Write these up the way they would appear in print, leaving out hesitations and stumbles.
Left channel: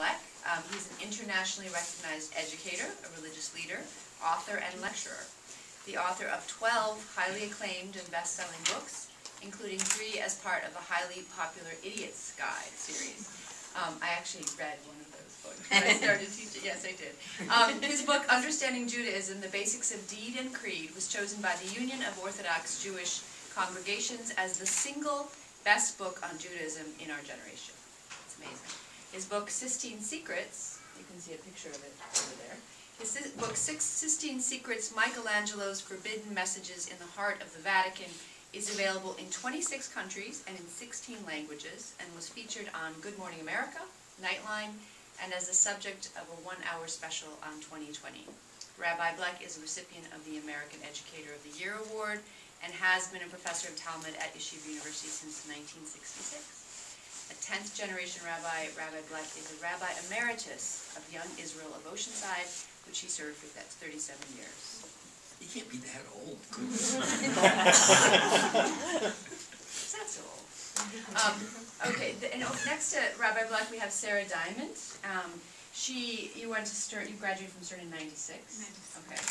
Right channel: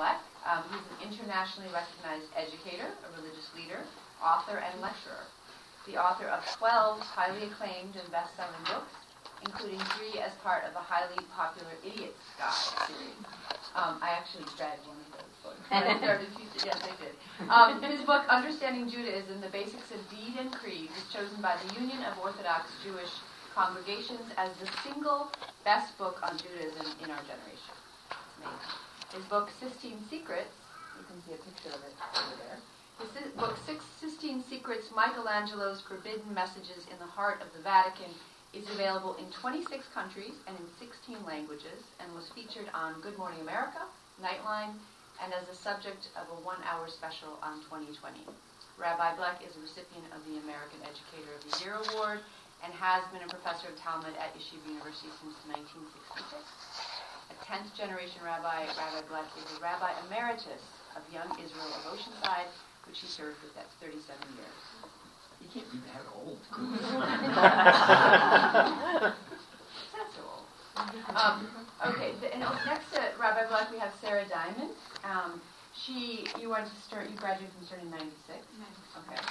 Black. He's an internationally recognized educator, a religious leader, author, and lecturer. The author of 12 highly acclaimed and best-selling books, including 3 as part of the highly popular Idiot's Guide series. I actually read one of those books when I started teaching. Yes, I did. His book, Understanding Judaism, The Basics of Deed and Creed, was chosen by the Union of Orthodox Jewish Congregations as the single best book on Judaism in our generation. It's amazing. His book, Sistine Secrets, you can see a picture of it over there. His book, Sistine Secrets, Michelangelo's Forbidden Messages in the Heart of the Vatican, is available in 26 countries and in 16 languages, and was featured on Good Morning America, Nightline, and as the subject of a 1-hour special on 2020. Rabbi Black is a recipient of the American Educator of the Year Award and has been a professor of Talmud at Yeshiva University since 1966. A 10th generation rabbi, Rabbi Black is a rabbi emeritus of Young Israel of Oceanside, which he served for 37 years. You can't be that old. That's so old. Okay, next to Rabbi Black we have Sarah Diamond. You graduated from CERN in 96? 96. Okay.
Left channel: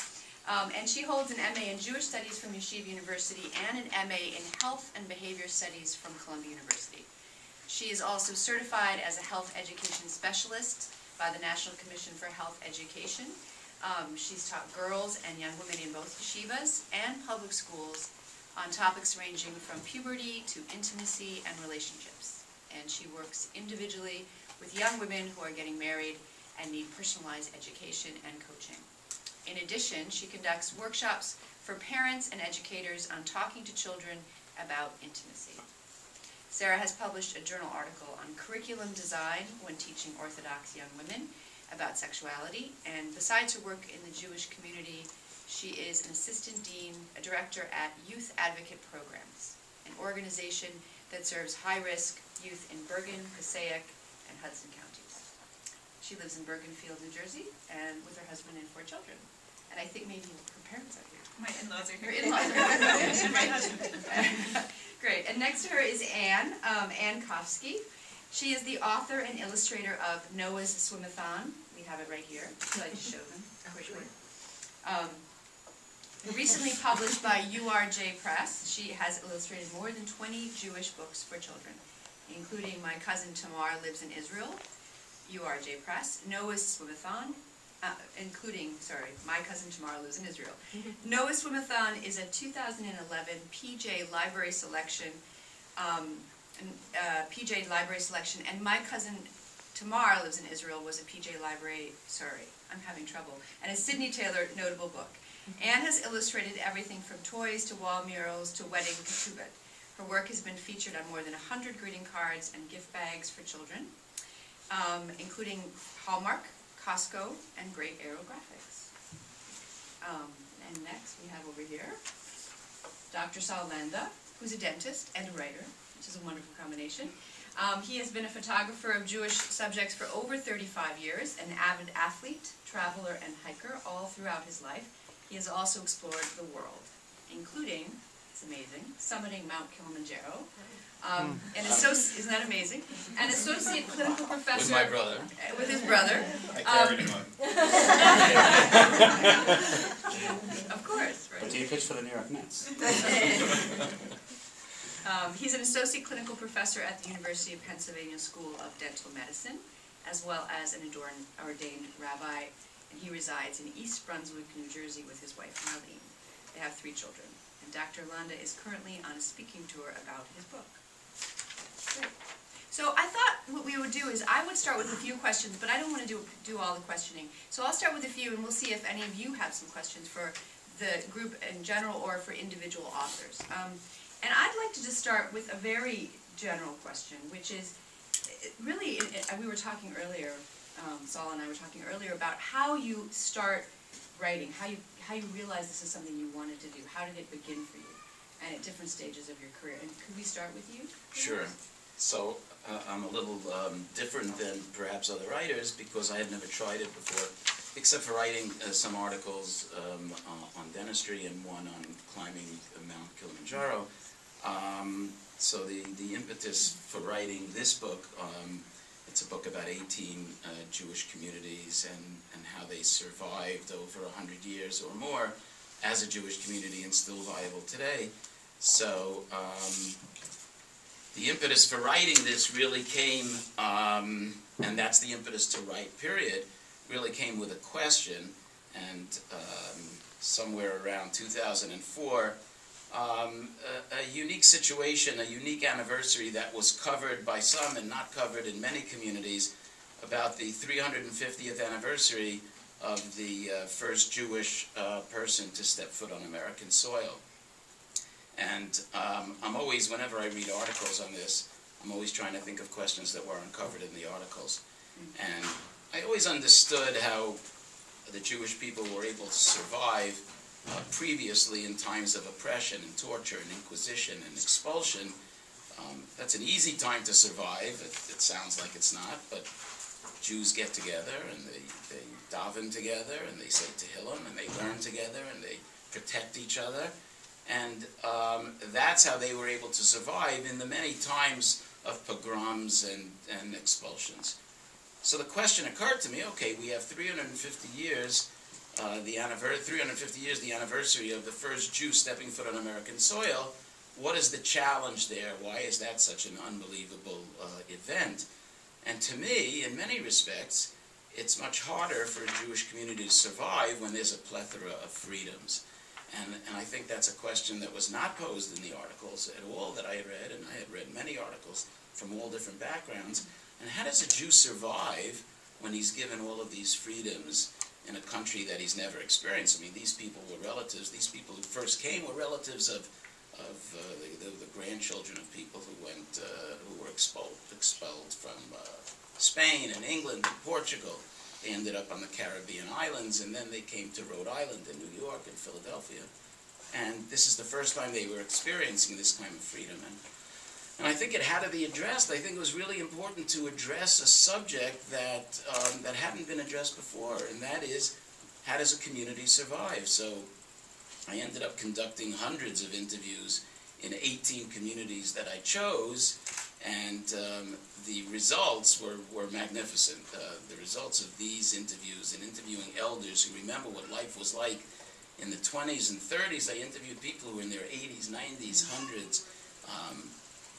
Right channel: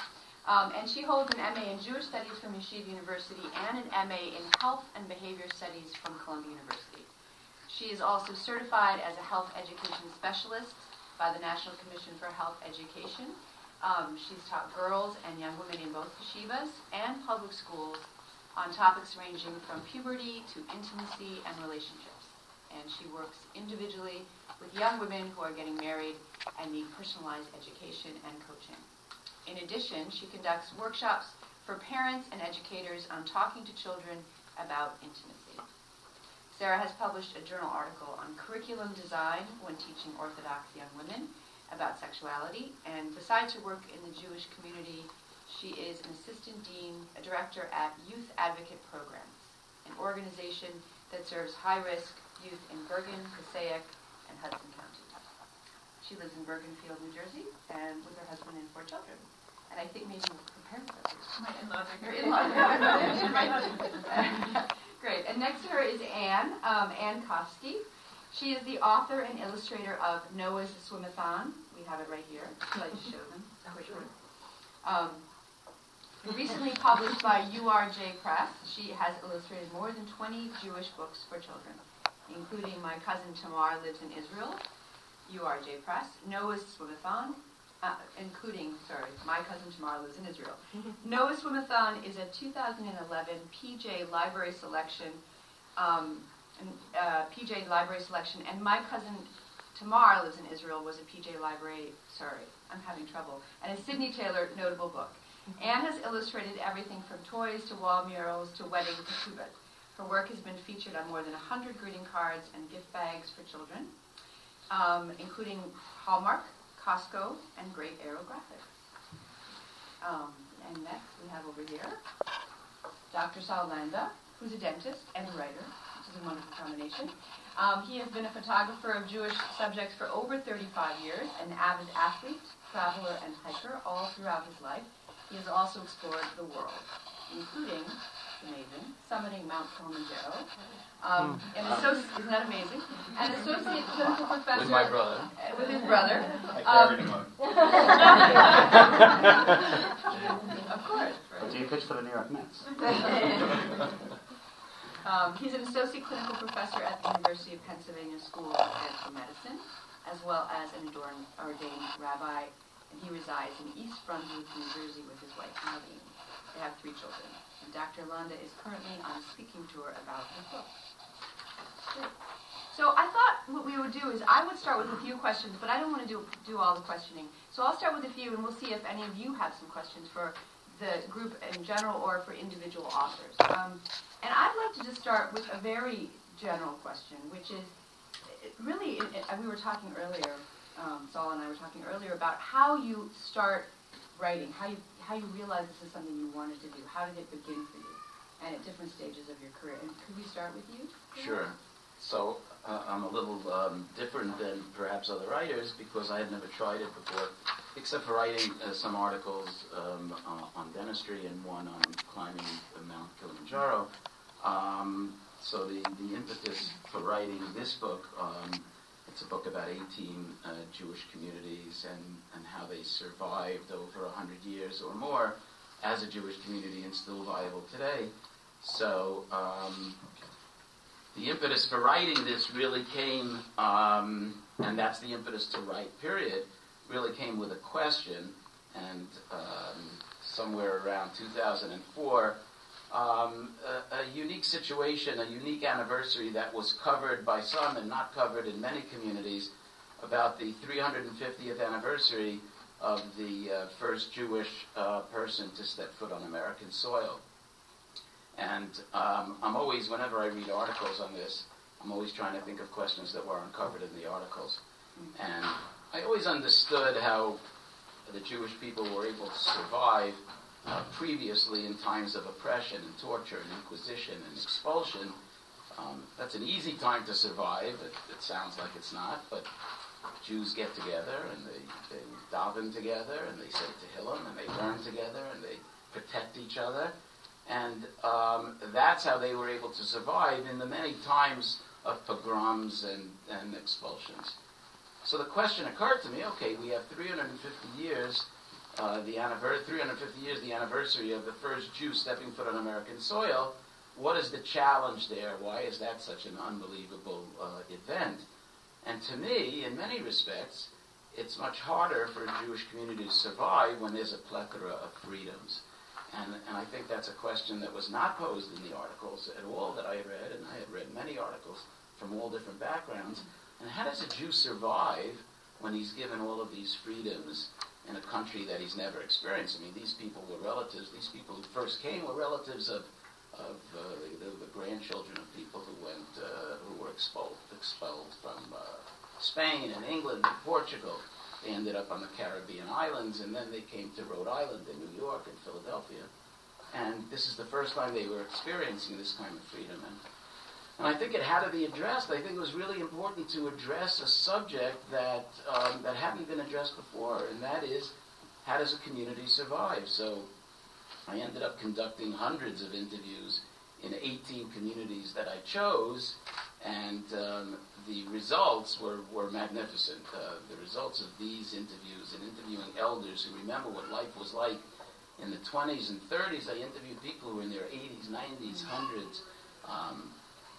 And she holds an MA in Jewish Studies from Yeshiva University and an MA in Health and Behavior Studies from Columbia University. She is also certified as a health education specialist by the National Commission for Health Education. She's taught girls and young women in both yeshivas and public schools on topics ranging from puberty to intimacy and relationships. And she works individually with young women who are getting married and need personalized education and coaching. In addition, she conducts workshops for parents and educators on talking to children about intimacy. Sarah has published a journal article on curriculum design when teaching Orthodox young women about sexuality, and besides her work in the Jewish community, she is an assistant dean, a director at Youth Advocate Programs, an organization that serves high-risk youth in Bergen, Passaic, and Hudson counties. She lives in Bergenfield, New Jersey, and with her husband and 4 children. And I think maybe her parents are here. My in-laws are here. Her in-laws are here. And my husband. Great. And next to her is Anne, Anne Kofsky. She is the author and illustrator of Noah's Swimathon. We have it right here. Would you like to show them? Recently published by URJ Press, she has illustrated more than 20 Jewish books for children, including My Cousin Tamar Lives in Israel, URJ Press, Noah's Swimathon, My Cousin Tamar Lives in Israel. Noah's Swimathon is a 2011 PJ Library Selection, and My Cousin Tamar Lives in Israel was a PJ Library, and a Sidney Taylor notable book. Anne has illustrated everything from toys to wall murals to wedding ketubot. Her work has been featured on more than 100 greeting cards and gift bags for children, including Hallmark, Costco, and Great Aerographics. And next we have over here Dr. Saul Landa, who's a dentist and a writer, which is a wonderful combination. He has been a photographer of Jewish subjects for over 35 years, an avid athlete, traveler, and hiker all throughout his life. He has also explored the world, including, it's amazing, summiting Mount Kilimanjaro. Isn't that amazing? An associate clinical professor. With my brother. With his brother. I carried him up. Of course. Right? What do you pitch for the New York Mets? He's an associate clinical professor at the University of Pennsylvania School of Dental Medicine, as well as an ordained rabbi, and he resides in East Brunswick, New Jersey, with his wife, Marlene. They have 3 children. And Dr. Landa is currently on a speaking tour about his book. Great. So I thought what we would do is I would start with a few questions, but I don't want to do all the questioning. So I'll start with a few, and we'll see if any of you have some questions for the group in general or for individual authors. And I'd like to just start with a very general question, which is really, we were talking earlier, Saul and I were talking earlier about how you start writing, how you realize this is something you wanted to do. How did it begin for you, and at different stages of your career? And could we start with you? Sure. So I'm a little different than perhaps other writers because I had never tried it before, except for writing some articles on dentistry and one on climbing Mount Kilimanjaro. So the impetus for writing this book It's a book about 18 Jewish communities and how they survived over 100 years or more as a Jewish community and still viable today. So the impetus for writing this really came, and that's the impetus to write, period, really came with a question. And somewhere around 2004, a unique situation, a unique anniversary that was covered by some and not covered in many communities, about the 350th anniversary of the first Jewish person to step foot on American soil. And I'm always, whenever I read articles on this, I'm always trying to think of questions that were uncovered in the articles. And I always understood how the Jewish people were able to survive previously in times of oppression and torture and inquisition and expulsion. That's an easy time to survive. It sounds like it's not, but Jews get together and they daven together and they say Tehillim and they learn together and they protect each other. And that's how they were able to survive in the many times of pogroms and expulsions. So the question occurred to me, okay, we have 350 years, the anniversary of the first Jew stepping foot on American soil. What is the challenge there? Why is that such an unbelievable event? And to me, in many respects, it's much harder for a Jewish community to survive when there's a plethora of freedoms. And I think that's a question that was not posed in the articles at all that I had read, and I had read many articles from all different backgrounds. And how does a Jew survive when he's given all of these freedoms in a country that he's never experienced? I mean, these people were relatives. These people who first came were relatives of the grandchildren of people who went who were expelled from Spain and England and Portugal. They ended up on the Caribbean islands, and then they came to Rhode Island and New York and Philadelphia. And this is the first time they were experiencing this kind of freedom. And I think it had to be addressed. I think it was really important to address a subject that that hadn't been addressed before, and that is, how does a community survive? So I ended up conducting hundreds of interviews in 18 communities that I chose, and the results were magnificent. The results of these interviews and interviewing elders who remember what life was like in the 20s and 30s. I interviewed people who were in their 80s, 90s, 100s.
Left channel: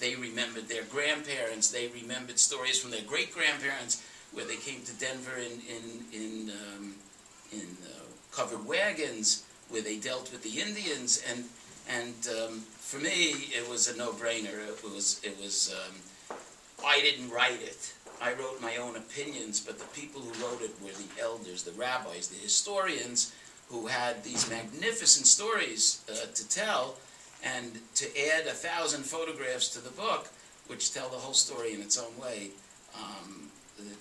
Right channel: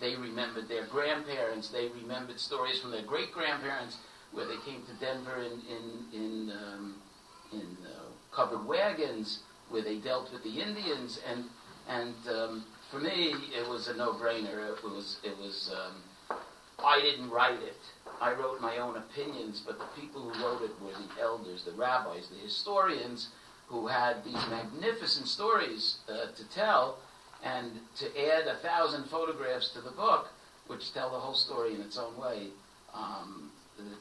They remembered their grandparents. They remembered stories from their great-grandparents where they came to Denver in covered wagons, where they dealt with the Indians. And for me, it was a no-brainer. It was I didn't write it. I wrote my own opinions, but the people who wrote it were the elders, the rabbis, the historians, who had these magnificent stories to tell. And to add 1,000 photographs to the book, which tell the whole story in its own way,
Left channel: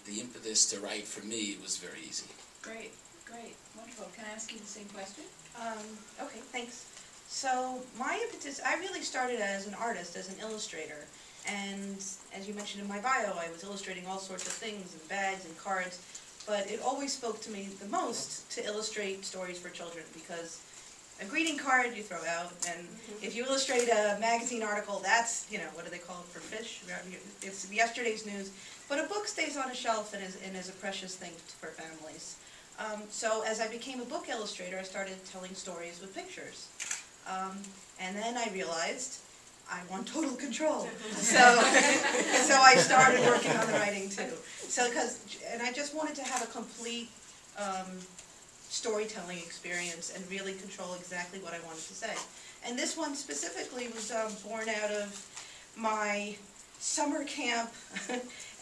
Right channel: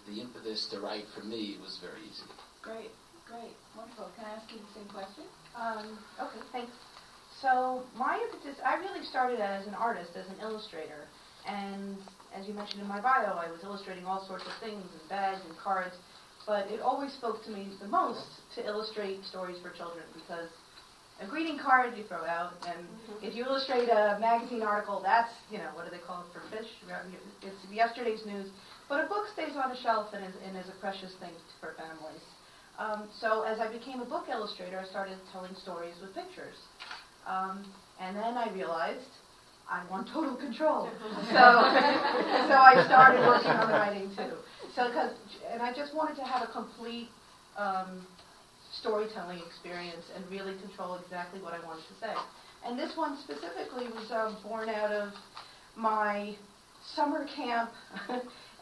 the impetus to write for me was very easy. Great, great, wonderful. Can I ask you the same question? Okay, thanks. So my impetus, I really started as an artist, as an illustrator. And as you mentioned in my bio, I was illustrating all sorts of things, and bags and cards. But it always spoke to me the most to illustrate stories for children, because a greeting card you throw out, and if you illustrate a magazine article, that's, what do they call it for fish? It's yesterday's news. But a book stays on a shelf and is a precious thing for families. So as I became a book illustrator, I started telling stories with pictures. And then I realized I want total control. So I started working on writing too. And I just wanted to have a complete storytelling experience and really control exactly what I wanted to say. And this one specifically was born out of my summer camp.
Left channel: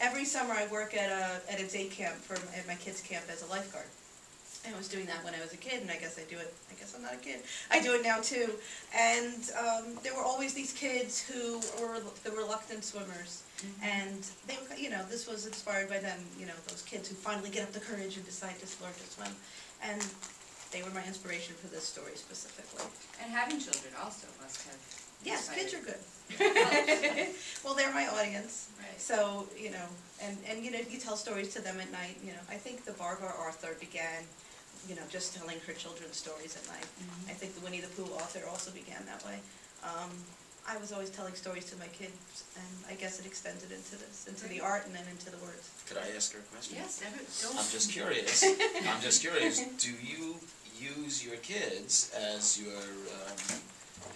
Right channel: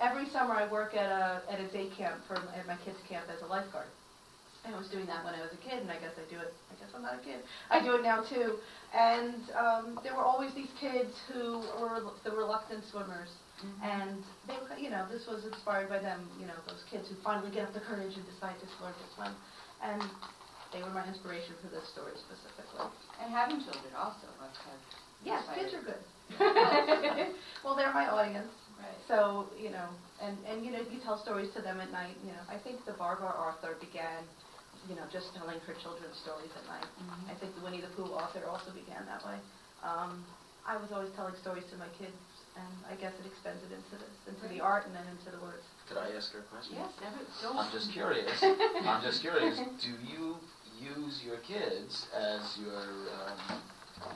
Every summer I work at a day camp at my kids' camp as a lifeguard. And I was doing that when I was a kid, and I guess I do it. I guess I'm not a kid. I do it now too. And there were always these kids who were the reluctant swimmers, and they were, this was inspired by them. Those kids who finally get up the courage and decide to learn to swim. And they were my inspiration for this story specifically. And having children also must have. Yes, kids are good. Well, they're my audience. Right. So, and you tell stories to them at night. I think the Barbara author began, just telling her children stories at night. I think the Winnie the Pooh author also began that way. I was always telling stories to my kids, and I guess it extended into this, into the art and then into the words. Could I ask her a question? Yes, I'm just curious. I'm just curious. Do you use your kids as your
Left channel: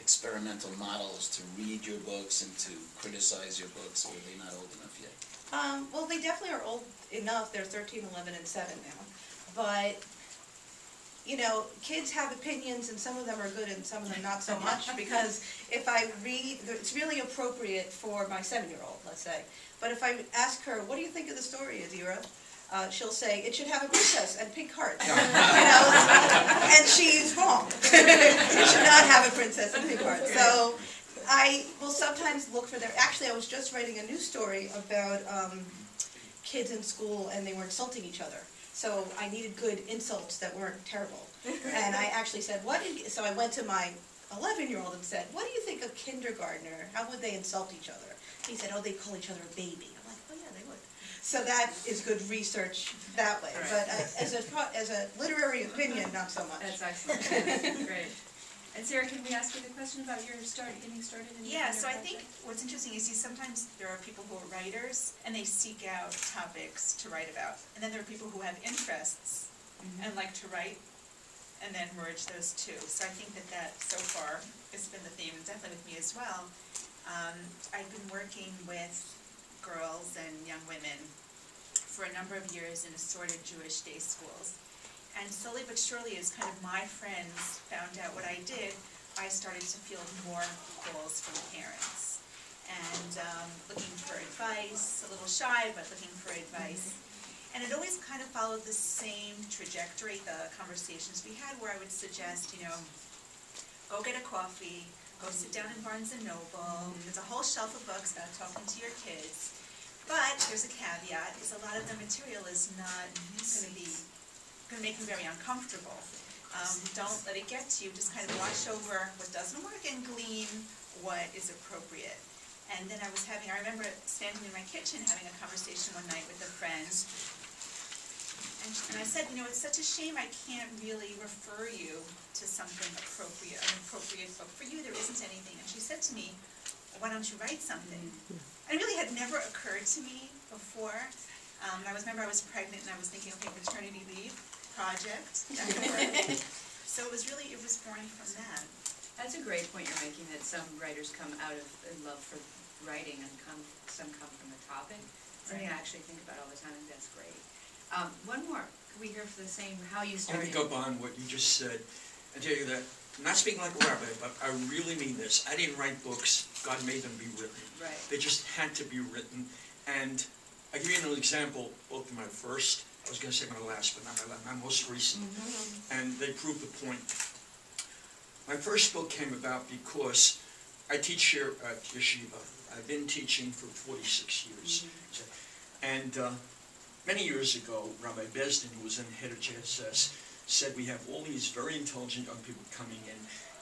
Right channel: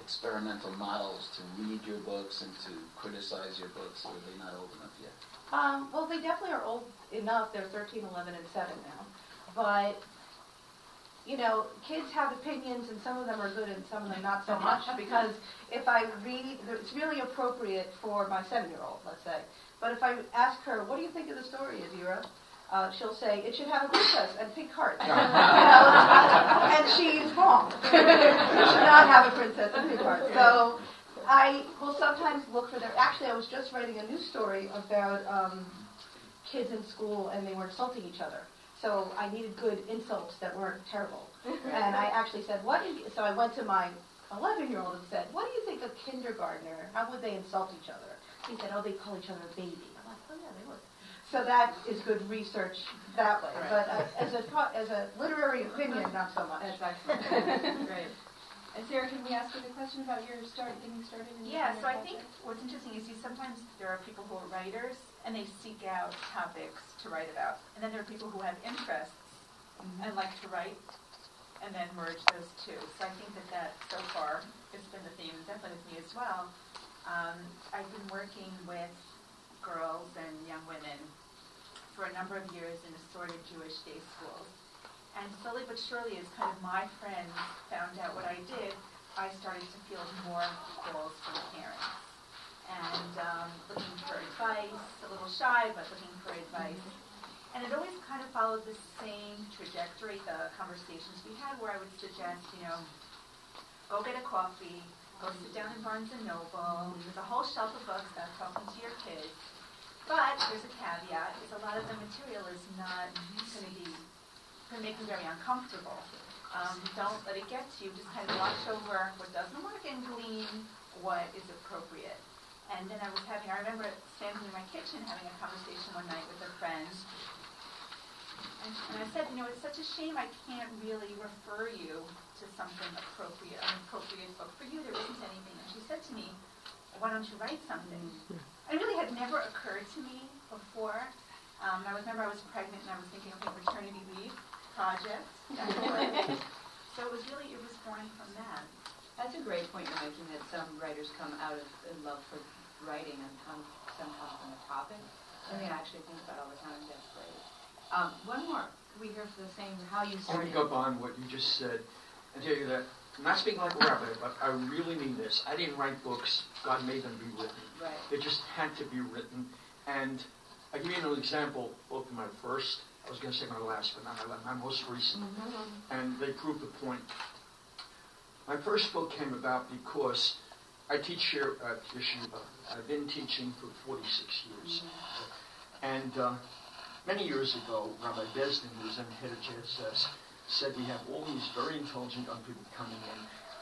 experimental models to read your books and to criticize your books, or are they not old enough yet? Well, they definitely are old enough. They're 13, 11, and 7 now. But, you know, kids have opinions, and some of them are good and some of them not so much, because if I read, it's really appropriate for my 7-year-old, let's say. But if I ask her, what do you think of the story, Adira? She'll say, it should have a princess and pink hearts. You know? And she's wrong. It should not have a princess and pink hearts. So I will sometimes look for their... Actually, I was just writing a news story about kids in school, and they were insulting each other. So I needed good insults that weren't terrible. And I actually said, so I went to my 11-year-old and said, what do you think of kindergartner? How would they insult each other? He said, oh, they call each other a baby. I'm like, oh yeah, they would. So that is good research that way. But as a literary opinion, not so much. That's excellent. Great. And Sarah, can we ask you the question about your getting started in your Yeah, so I think project? what's interesting is sometimes there are people who are writers and they seek out topics to write about. And then there are people who have interests and like to write and then merge those two. So I think that so far has been the theme, and definitely with me as well. I've been working with girls and young women for a number of years in assorted Jewish day schools. And slowly but surely, as kind of my friends found out what I did, I started to field more calls from parents. And looking for advice, a little shy, but looking for advice. And it always kind of followed the same trajectory, the conversations we had, where I would suggest, you know, go get a coffee, go sit down in Barnes & Noble. There's a whole shelf of books about talking to your kids. But there's a caveat, is a lot of the material is not going to make them very uncomfortable. Don't let it get to you. Just kind of watch over what doesn't work and glean what is appropriate. And then I remember standing in my kitchen having a conversation one night with a friend. And I said, you know, it's such a shame I can't really refer you to something appropriate, an appropriate book for you. There isn't anything. And she said to me, well, why don't you write something? And it really had never occurred to me before. I remember I was pregnant and I was thinking, okay, maternity leave project. So it was born from that. That's a great point you're making, that some writers come out of love for writing and some come from the topic. Something I actually think about all the time. That's great. One more. Can we hear for the same, how you started? Let me go on what you just said and tell you that, I'm not speaking like a rabbi, but I really mean this. I didn't write books. God made them be written. Right. They just had to be written. And I'll give you an example, both of my first, I was going to say my last, but not my most recent. And they prove the point. My first book came about because I teach here at Yeshiva. I've been teaching for 46 years. And many years ago, Rabbi Besdin, who was then head of JSS, said we have all these very intelligent young people coming in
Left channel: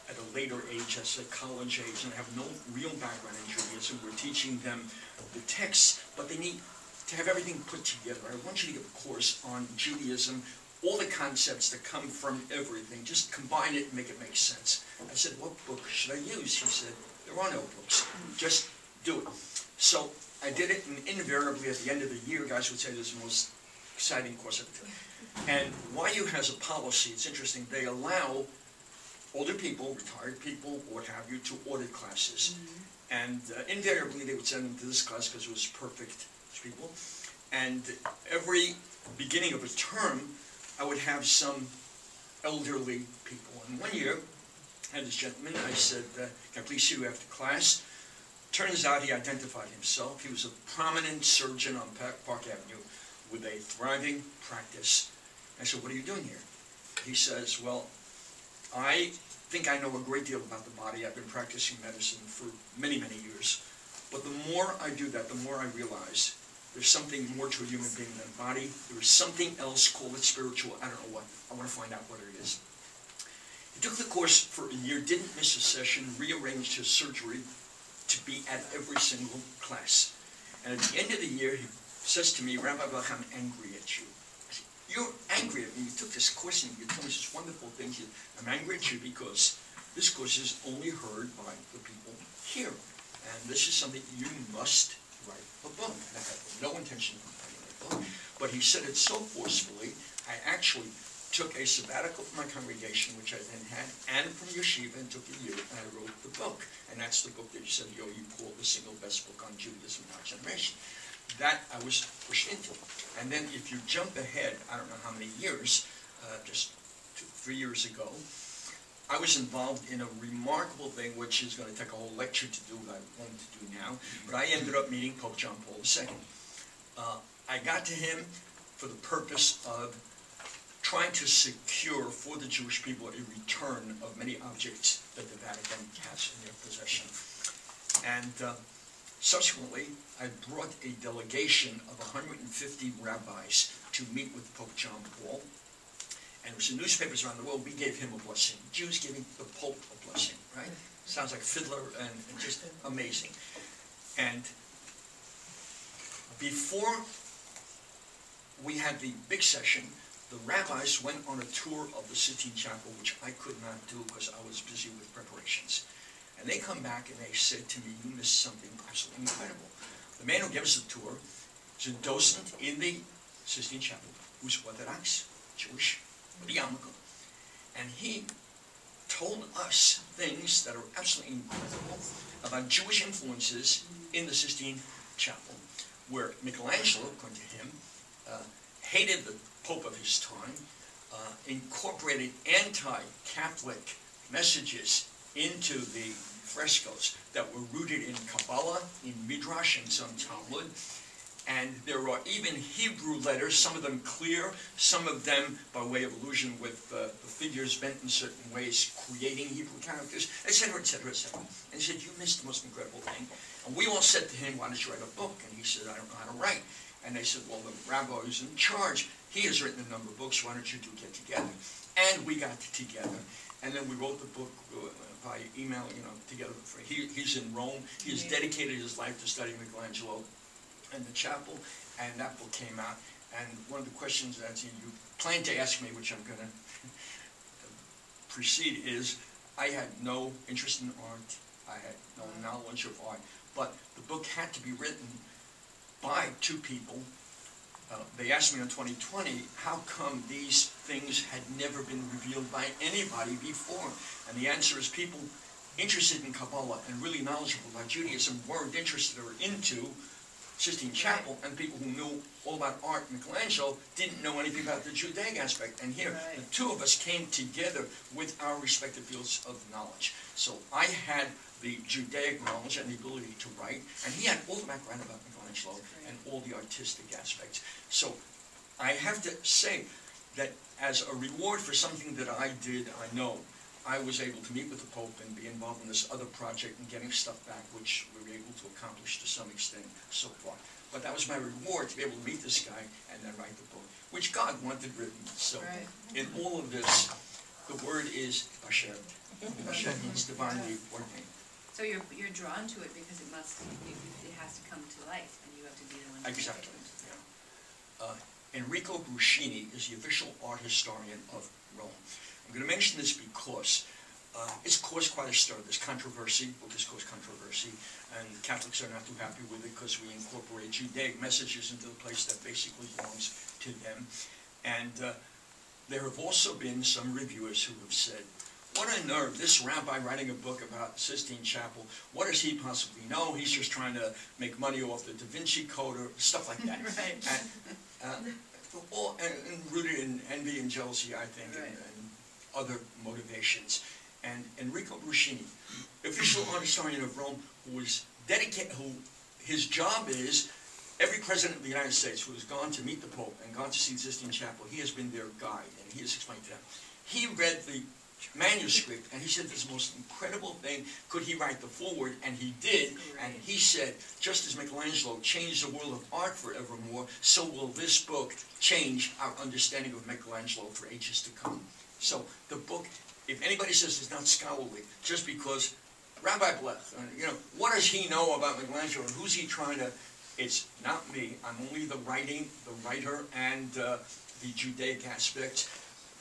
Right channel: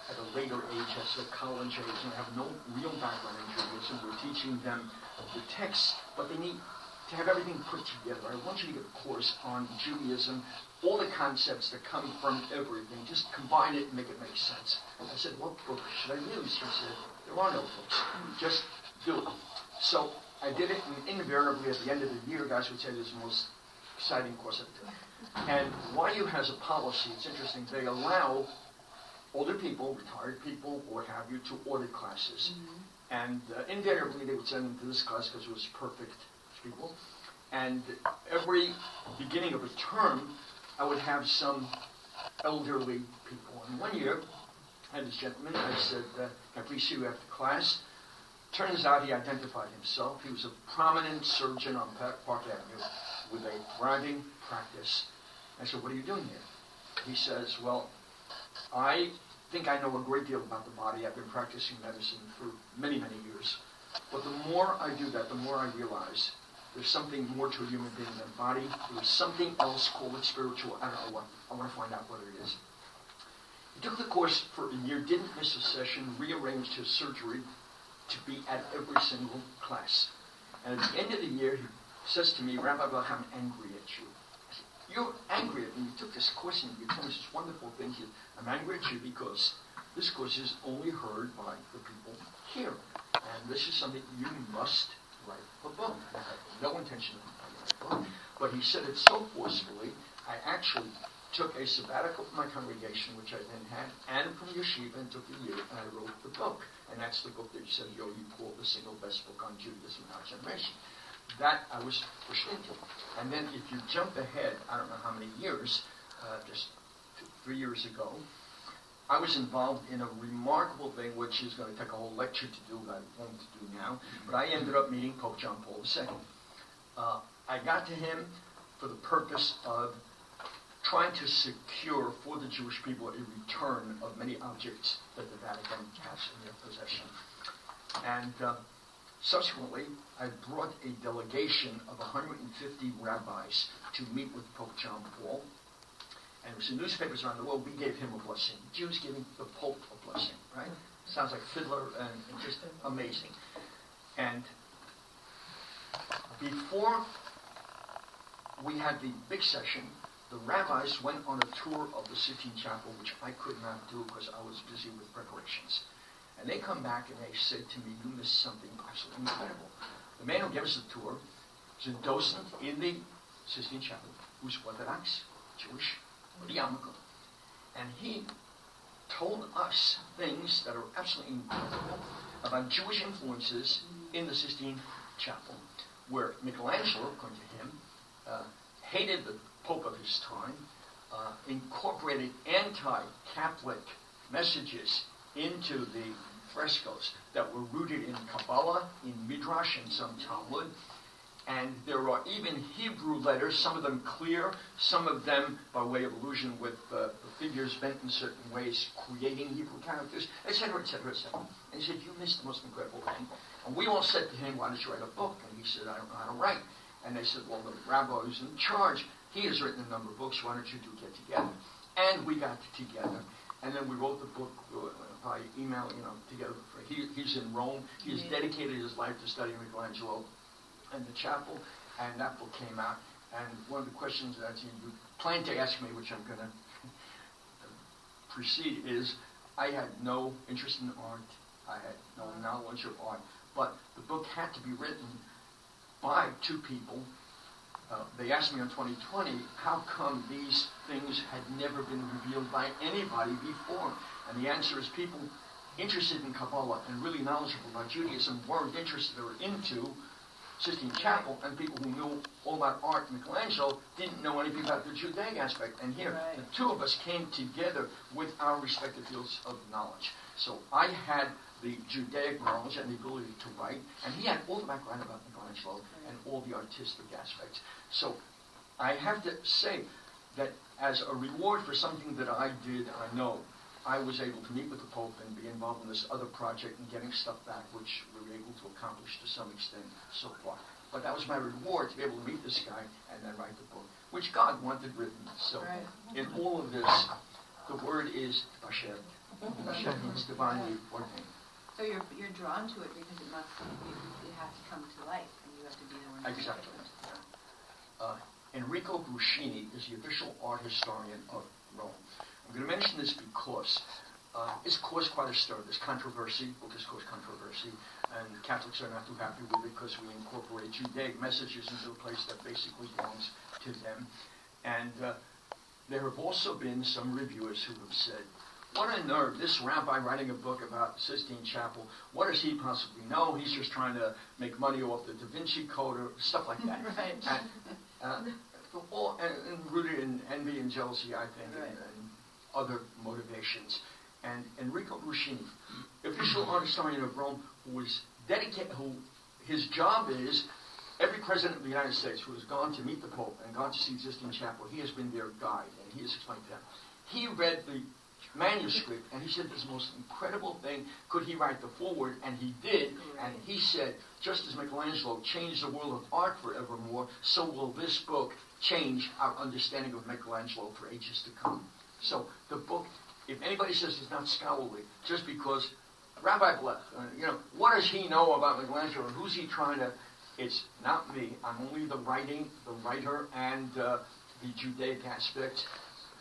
at a later age, as a college age, and have no real background in Judaism. We're teaching them the texts, but they need to have everything put together. I want you to give a course on Judaism, all the concepts that come from everything. Just combine it and make it make sense. I said, what book should I use? He said, there are no books. Just do it. So I did it, and invariably at the end of the year, guys would say this is the most exciting course I've done. And YU has a policy, it's interesting, they allow older people, retired people, what have you, to audit classes. And invariably they would send them to this class because it was perfect people. And every beginning of a term, I would have some elderly people. And one year, I had this gentleman, I said, can I please see you after class? Turns out he identified himself. He was a prominent surgeon on Park Avenue with a thriving practice. I said, what are you doing here? He says, well, I think I know a great deal about the body. I've been practicing medicine for many, many years. But the more I do that, the more I realize there's something more to a human being than a body. There's something else, call it spiritual. I don't know what. I want to find out what it is. He took the course for a year, didn't miss a session, rearranged his surgery to be at every single class. And at the end of the year, he says to me, Rabbi Bach, I'm angry at you. I said, you're angry at me. You took this course and you told me such wonderful things. I'm angry at you because this course is only heard by the people here, and this is something you must write a book. And I had no intention of writing a book, but he said it so forcefully, I actually took a sabbatical from my congregation, which I then had, and from Yeshiva, and took a year, and I wrote the book. And that's the book that you said, you called the single best book on Judaism in our generation. That I was pushed into. And then if you jump ahead, I don't know how many years, just 3 years ago, I was involved in a remarkable thing, which is going to take a whole lecture to do, but I won't do now. But I ended up meeting Pope John Paul II. I got to him for the purpose of trying to secure for the Jewish people a return of many objects that the Vatican has in their possession. And subsequently, I brought a delegation of 150 rabbis to meet with Pope John Paul. And it was in newspapers around the world, we gave him a blessing. Jews giving the Pope a blessing, right? Sounds like Fiddler and just amazing. And before we had the big session, the rabbis went on a tour of the Sistine Chapel, which I could not do because I was busy with preparations. And they come back and they said to me, you missed something absolutely incredible. The man who gave us the tour is a docent in the Sistine Chapel who's Orthodox, Jewish, yarmulke. And he told us things that are absolutely incredible about Jewish influences in the Sistine Chapel, where Michelangelo, according to him, hated the Pope of his time, incorporated anti-Catholic messages into the frescoes that were rooted in Kabbalah, in Midrash, and some Talmud. And there are even Hebrew letters, some of them clear, some of them by way of allusion with the figures bent in certain ways, creating Hebrew characters, etc., etc., etc. And he said, you missed the most incredible thing. And we all said to him, why don't you write a book? And he said, I don't know how to write. And they said, well, the rabbi who's in charge, he has written a number of books, why don't you two get together? And we got together. And then we wrote the book by email, together. He's in Rome. He's dedicated his life to studying Michelangelo and the chapel, and that book came out. And one of the questions that you planned to ask me, which I'm going to precede, is I had no interest in art. I had no knowledge of art. But the book had to be written by two people. They asked me in 2020, how come these things had never been revealed by anybody before? And the answer is people interested in Kabbalah and really knowledgeable about Judaism weren't interested or into Sistine Chapel, and people who knew all about art and Michelangelo didn't know anything about the Judaic aspect. And here, the two of us came together with our respective fields of knowledge. So I had the Judaic knowledge and the ability to write, and he had all the background about Michelangelo and all the artistic aspects. So I have to say that as a reward for something that I did, I know, I was able to meet with the Pope and be involved in this other project and getting stuff back, which we were able to accomplish to some extent so far. But that was my reward, to be able to meet this guy and then write the book, which God wanted written. So in all of this, the word is Basher. Basher means divinely ordained. So you're drawn to it because it has to come to life, and you have to be the one. Exactly. Enrico Bruscini is the official art historian of Rome. I'm going to mention this because it's caused quite a stir. There's controversy, book has caused controversy, and Catholics are not too happy with it because we incorporate Judaic messages into a place that basically belongs to them. And there have also been some reviewers who have said, what a nerve, this rabbi writing a book about Sistine Chapel, what does he possibly know? He's just trying to make money off the Da Vinci Code or stuff like that. And rooted in envy and jealousy, I think, and other motivations. And Enrico Bruscini, official art historian of Rome, who was dedicated, who his job is, every president of the United States who has gone to meet the Pope and gone to see Sistine Chapel, he has been their guide, and he has explained to them. He read the manuscript, and he said this most incredible thing, could he write the foreword? And he did, and he said, just as Michelangelo changed the world of art forevermore, so will this book change our understanding of Michelangelo for ages to come. So the book, if anybody says it's not scholarly, just because Rabbi Blech, what does he know about Michelangelo, and who's he trying to, it's not me, I'm only the writer, and the Judaic aspect.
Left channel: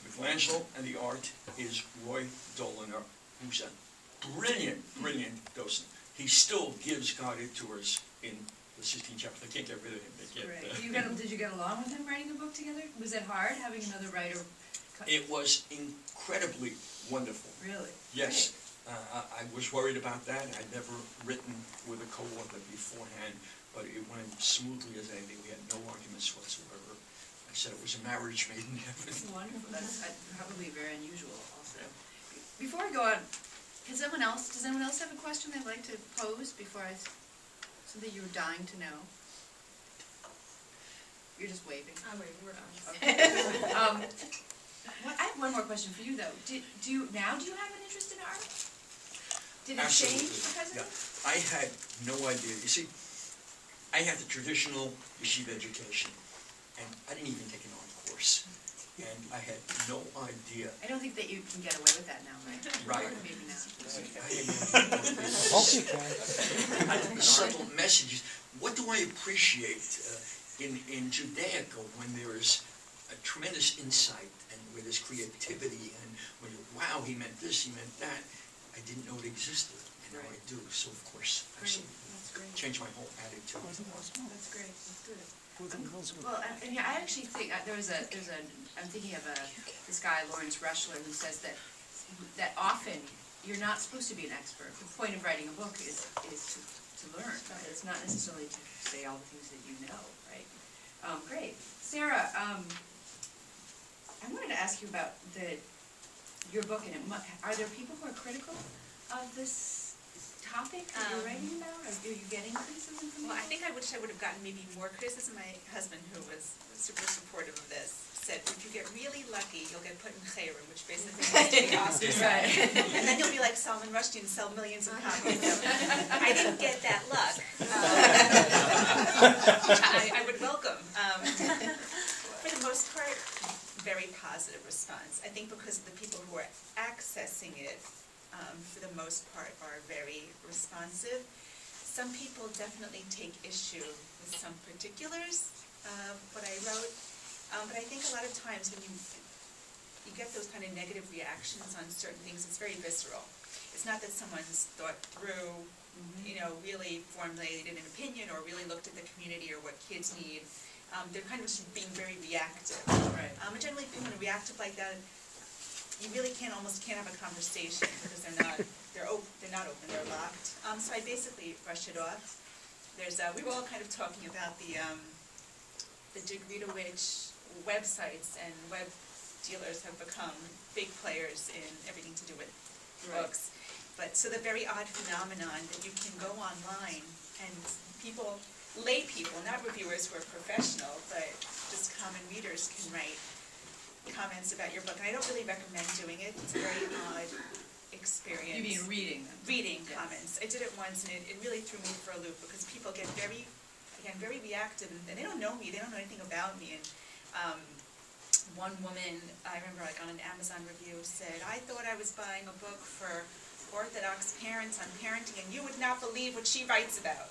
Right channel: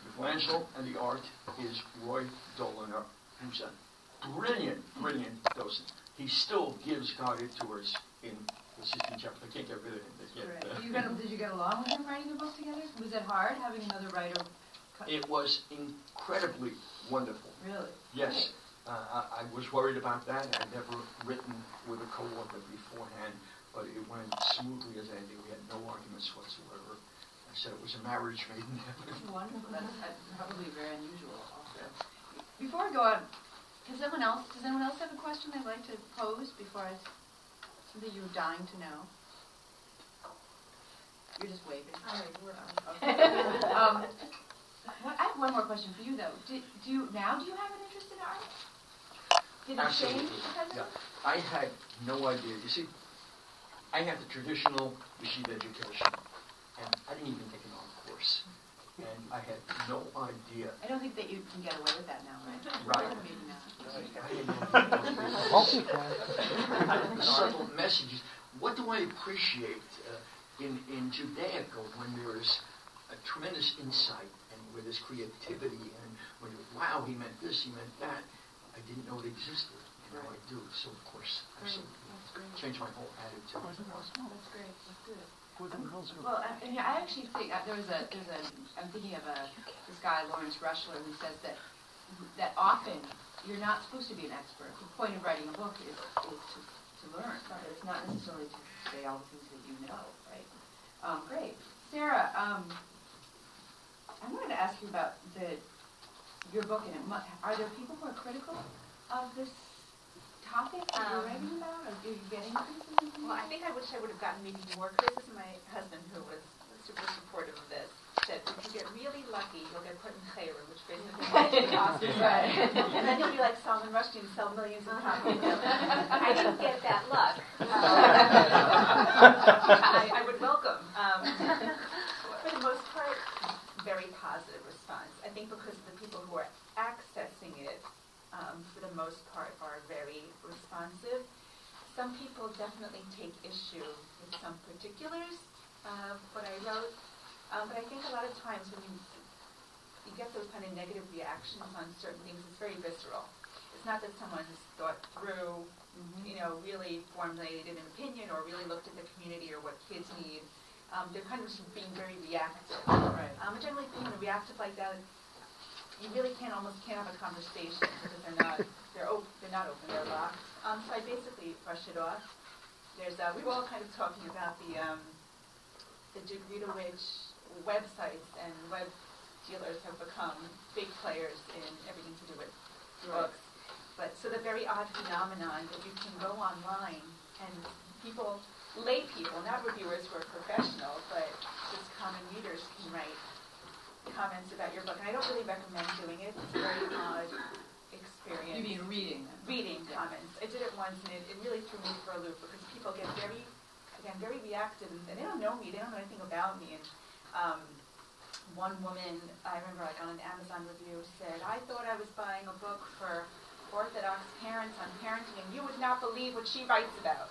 Michelangelo and the art is Roy Doliner, who's a brilliant, brilliant docent. he still gives guided tours in the 16 chapters. They can't get rid of him. They can't, Right. Did you get along with him writing a book together? Was it hard having another writer? It was incredibly wonderful. Really? Yes. I was worried about that. I'd never written with a co-author beforehand, but it went smoothly as anything. We had no arguments whatsoever. I said it was a marriage made in heaven. Wonderful. That's probably very unusual also. Before I go on, does anyone else have a question they'd like to pose before something you were dying to know? You're just waving. Okay. I have one more question for you though. Do you have an interest in art? Did it Absolutely. change because of it? Yeah. I had no idea. You see, I had the traditional Yeshiva education, and I didn't even take an art course. And I had no idea. I don't think that you can get away with that now, Right. Maybe now. I didn't know. Hope you can. Subtle messages. What do I appreciate in Judaica when there's a tremendous insight and where there's creativity and when you're, wow, he meant this, he meant that. I didn't know it existed, and now I do. So of course, absolutely, That's great. changed my whole attitude. That's great. Let's do it. Well, Well, and yeah, I actually think I'm thinking of this guy Lawrence Rushler who says that often you're not supposed to be an expert. The point of writing a book is to learn. Right? It's not necessarily to say all the things that you know, right? Great, Sarah. I wanted to ask you about your book, and are there people who are critical of this topic that you're writing about, or do you get any criticism? Well, I think I wish I would have gotten maybe more criticism. My husband, who was super supportive of this, said, if you get really lucky, you'll get put in Chayru, which basically means to be ostracized. And then you'll be like Salman Rushdie and sell millions of copies. I didn't get that luck, which I would welcome. For the most part, very positive response. I think because of the people who are accessing it, for the most part, are very responsive. Some people definitely take issue with some particulars of what I wrote, but I think a lot of times when you get those kind of negative reactions on certain things, it's very visceral. It's not that someone's thought through, really formulated an opinion or really looked at the community or what kids need. They're kind of just being very reactive. Right. And generally, people who are reactive like that, you really almost can't have a conversation because they're not open, they're locked. So I basically brush it off. We were all kind of talking about the degree to which websites and web dealers have become big players in everything to do with books. But so the very odd phenomenon that you can go online and people, lay people, not reviewers who are professional, but just common readers can write comments about your book. And I don't really recommend doing it. It's a very odd experience. You mean reading them? Reading comments. I did it once, and it really threw me for a loop because people get very reactive, and they don't know me. They don't know anything about me. And one woman, I remember, like on an Amazon review, said, "I thought I was buying a book for Orthodox parents on parenting, and you would not believe what she writes about."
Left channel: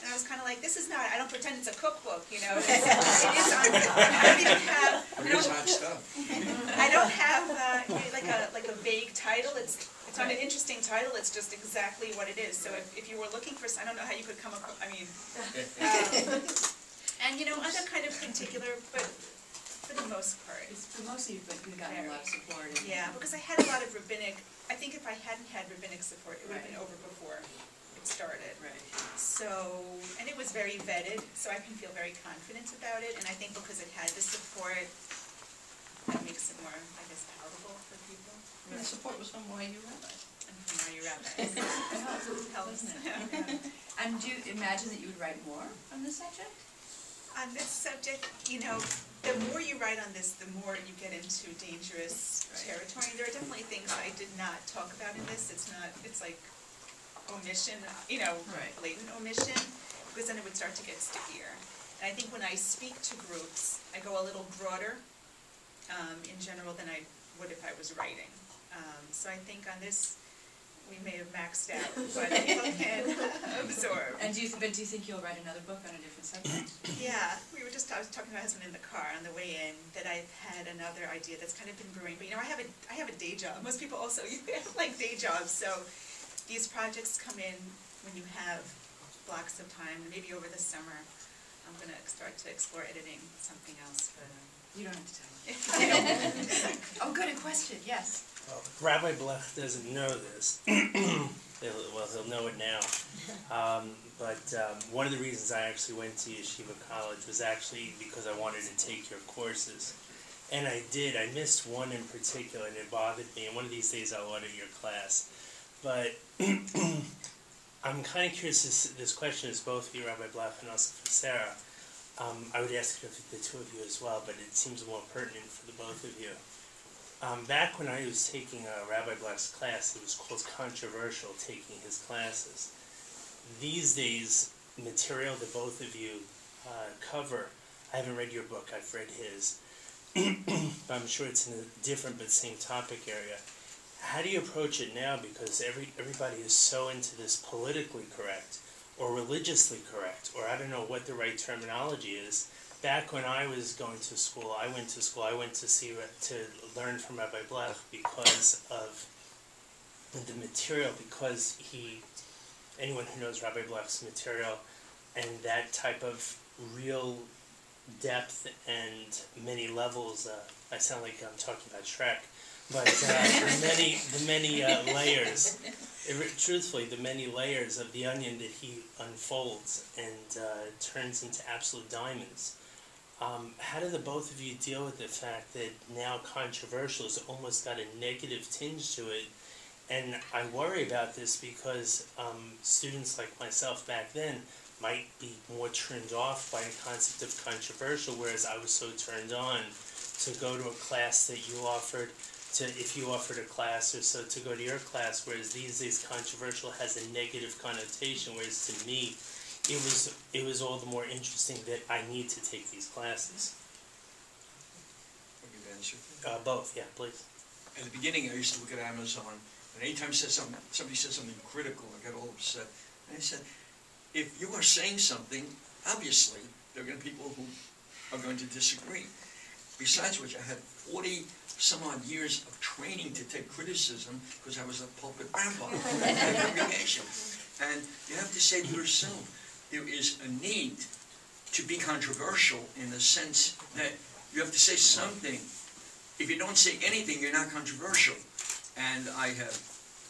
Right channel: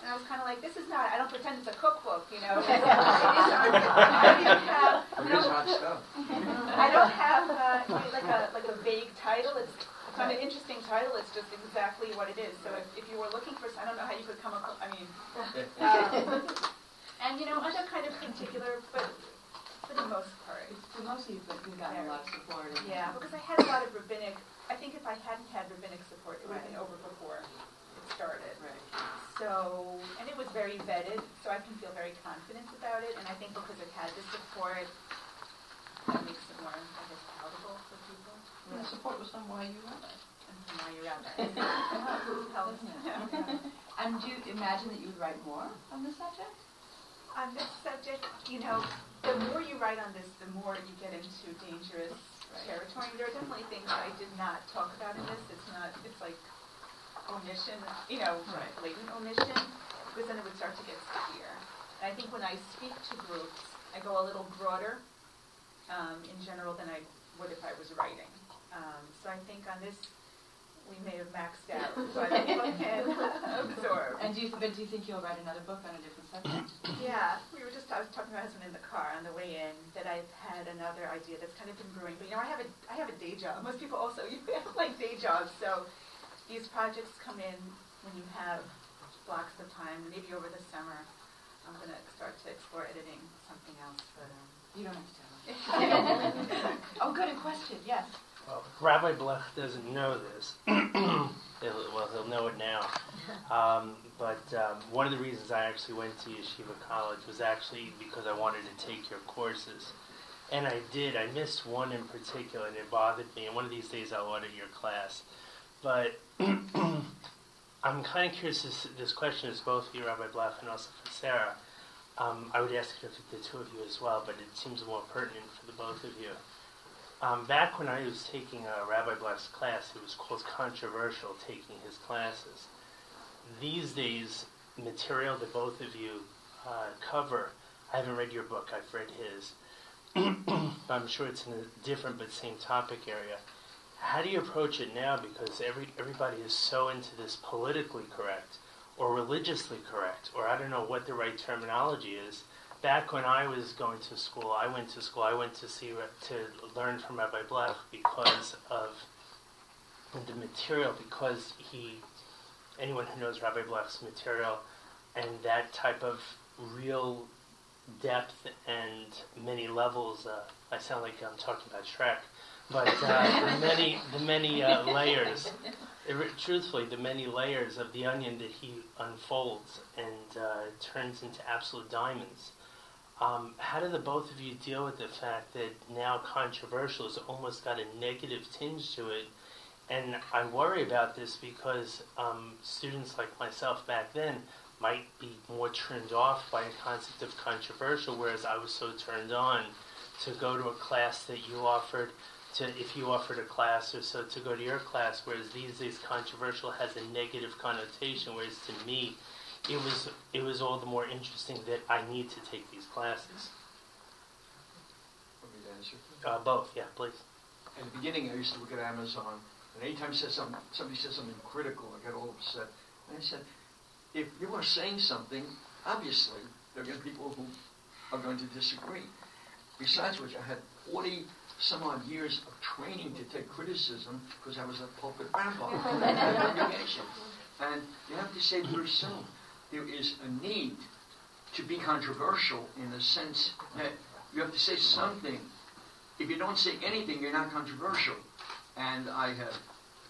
And I was kind of like, this is not, I don't pretend it's a cookbook, It is on, I don't even have, I don't have like a vague title. It's not an interesting title. It's just exactly what it is. So if you were looking for, I don't know how you could come across, and other kind of particular, but for the most part. For most of you've gotten a lot of support. Yeah, because I had a lot of rabbinic, I think if I hadn't had rabbinic support, it would have been over before it started. Right. So, and it was very vetted, so I can feel very confident about it, and I think because it had the support, that makes it more, I guess, palatable for people. And the support was from YU rabbis. And from YU rabbis. Helps, doesn't it? And do you imagine that you would write more on this subject? On this subject, the more you write on this, the more you get into dangerous territory. There are definitely things I did not talk about in this. It's like omission, blatant omission, because then it would start to get stickier. And I think when I speak to groups, I go a little broader in general than I would if I was writing. So I think on this, we may have maxed out what people can absorb. And do you think you'll write another book on a different subject? Yeah, I was talking to my husband in the car on the way in that I've had another idea that's kind of been brewing. But I have a day job. Most people also have like day jobs, so these projects come in when you have blocks of time, maybe over the summer, I'm going to start to explore editing something else. But You don't have to tell me. Oh, good, a question, yes. Well, Rabbi Blech doesn't know this. He'll know it now. But one of the reasons I actually went to Yeshiva College was actually because I wanted to take your courses. And I did. I missed one in particular, and it bothered me. And one of these days I'll order your class. But I'm kind of curious, this question is both for you, Rabbi Blech, and also for Sarah. I would ask it for the two of you as well, but it seems more pertinent for the both of you. Back when I was taking Rabbi Blech's class, it was called controversial taking his classes. These days, material that both of you cover, I haven't read your book, I've read his. I'm sure it's in a different but same topic area. How do you approach it now? Because everybody is so into this politically correct or religiously correct, or I don't know what the right terminology is. Back when I was going to school, I went to learn from Rabbi Blech because of the material, because anyone who knows Rabbi Blech's material and that type of real depth and many levels, I sound like I'm talking about Shrek, but the many layers, truthfully, the many layers of the onion that he unfolds and turns into absolute diamonds. How do the both of you deal with the fact that now controversial has almost got a negative tinge to it? And I worry about this because students like myself back then might be more turned off by the concept of controversial, whereas I was so turned on to go to a class that you offered, if you offered a class or so, to go to your class, whereas these days controversial has a negative connotation, whereas to me it was all the more interesting that I need to take these classes. Want me to answer? Both, yeah, please. At the beginning, I used to look at Amazon, and anytime somebody said something critical, I got all upset. And I said, if you are saying something, obviously, there are going to be people who are going to disagree. Besides which, I had 40-some-odd years of training to take criticism because I was a pulpit rabbi in my congregation. And you have to say to yourself, there is a need to be controversial in the sense that you have to say something. If you don't say anything, you're not controversial. And I have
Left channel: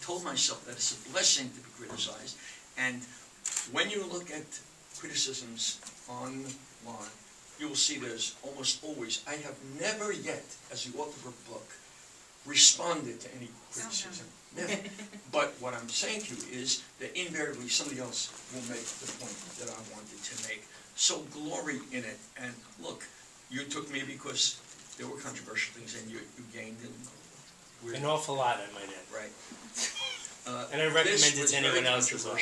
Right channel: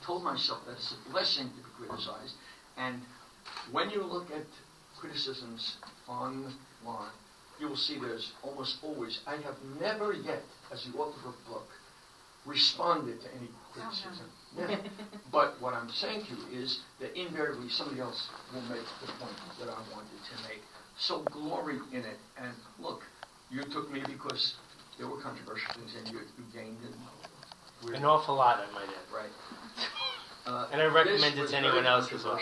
told myself that it's a blessing to be criticized. And when you look at criticisms online, you will see there's almost always, I have never yet, as the author of a book, responded to any criticism. Never. But what I'm saying to you is that invariably somebody else will make the point that I wanted to make. So glory in it. And look, you took me because there were controversial things and you gained in An awful lot, I might add. Right. And I recommend it to anyone else as well.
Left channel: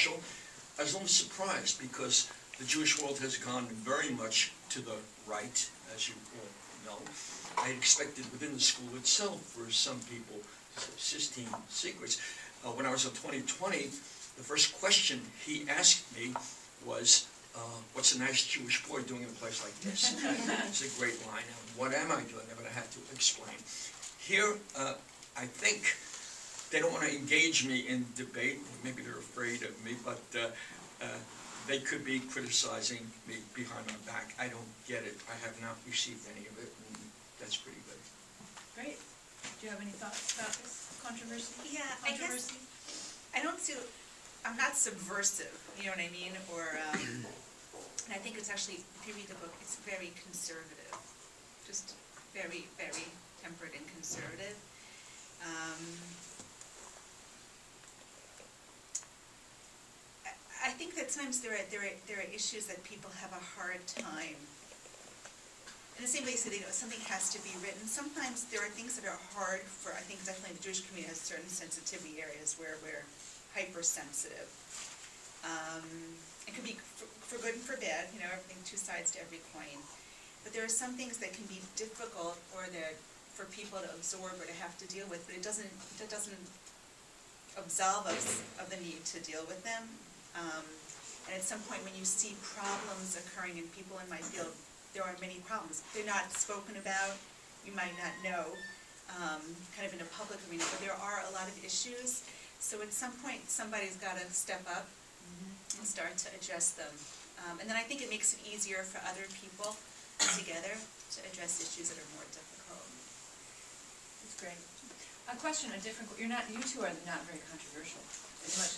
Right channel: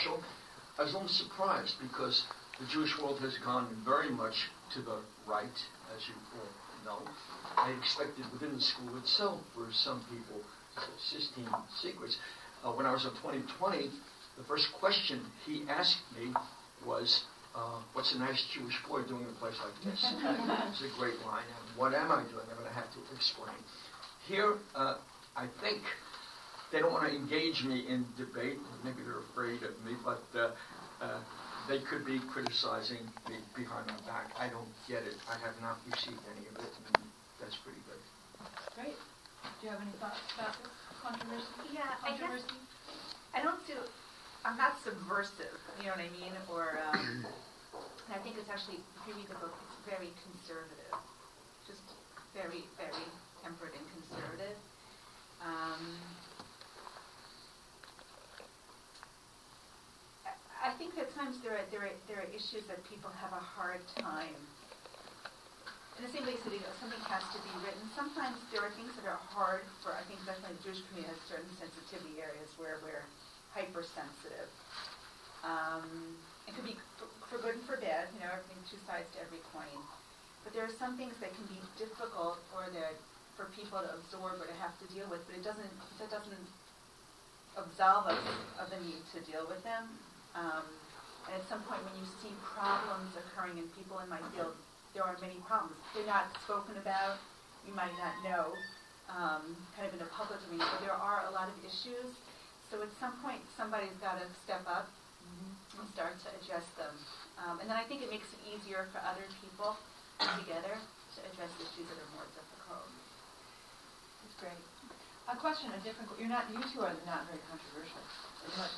I was a little surprised because the Jewish world has gone very much to the right, as you all know. I had expected within the school itself for some people, Sistine Secrets. When I was in 2020, the first question he asked me was, what's a nice Jewish boy doing in a place like this? It's a great line. And what am I doing? I had to explain. Here, I think they don't want to engage me in debate. Maybe they're afraid of me, but they could be criticizing me behind my back. I don't get it. I have not received any of it, and that's pretty good. Great. Do you have any thoughts about this controversy? Yeah, I guess I don't see. I'm not subversive. You know what I mean? Or and I think it's actually, if you read the book, it's very conservative, just very, very tempered and conservative. I think that sometimes there are issues that people have a hard time. In the same way, so something has to be written. Sometimes there are things that are hard for, I think definitely the Jewish community has certain sensitivity areas where we're hypersensitive. It could be for good and for bad, you know, everything, two sides to every coin. But there are some things that can be difficult or that for people to absorb or to have to deal with, but that doesn't absolve us of the need to deal with them. And at some point when you see problems occurring in people in my field, there are many problems. They're not spoken about, you might not know, kind of in a public arena, but there are a lot of issues. So at some point somebody's got to step up and start to address them. And then I think it makes it easier for other people together to address issues that are more difficult. That's great. A question, a different. You two are not very controversial. As much.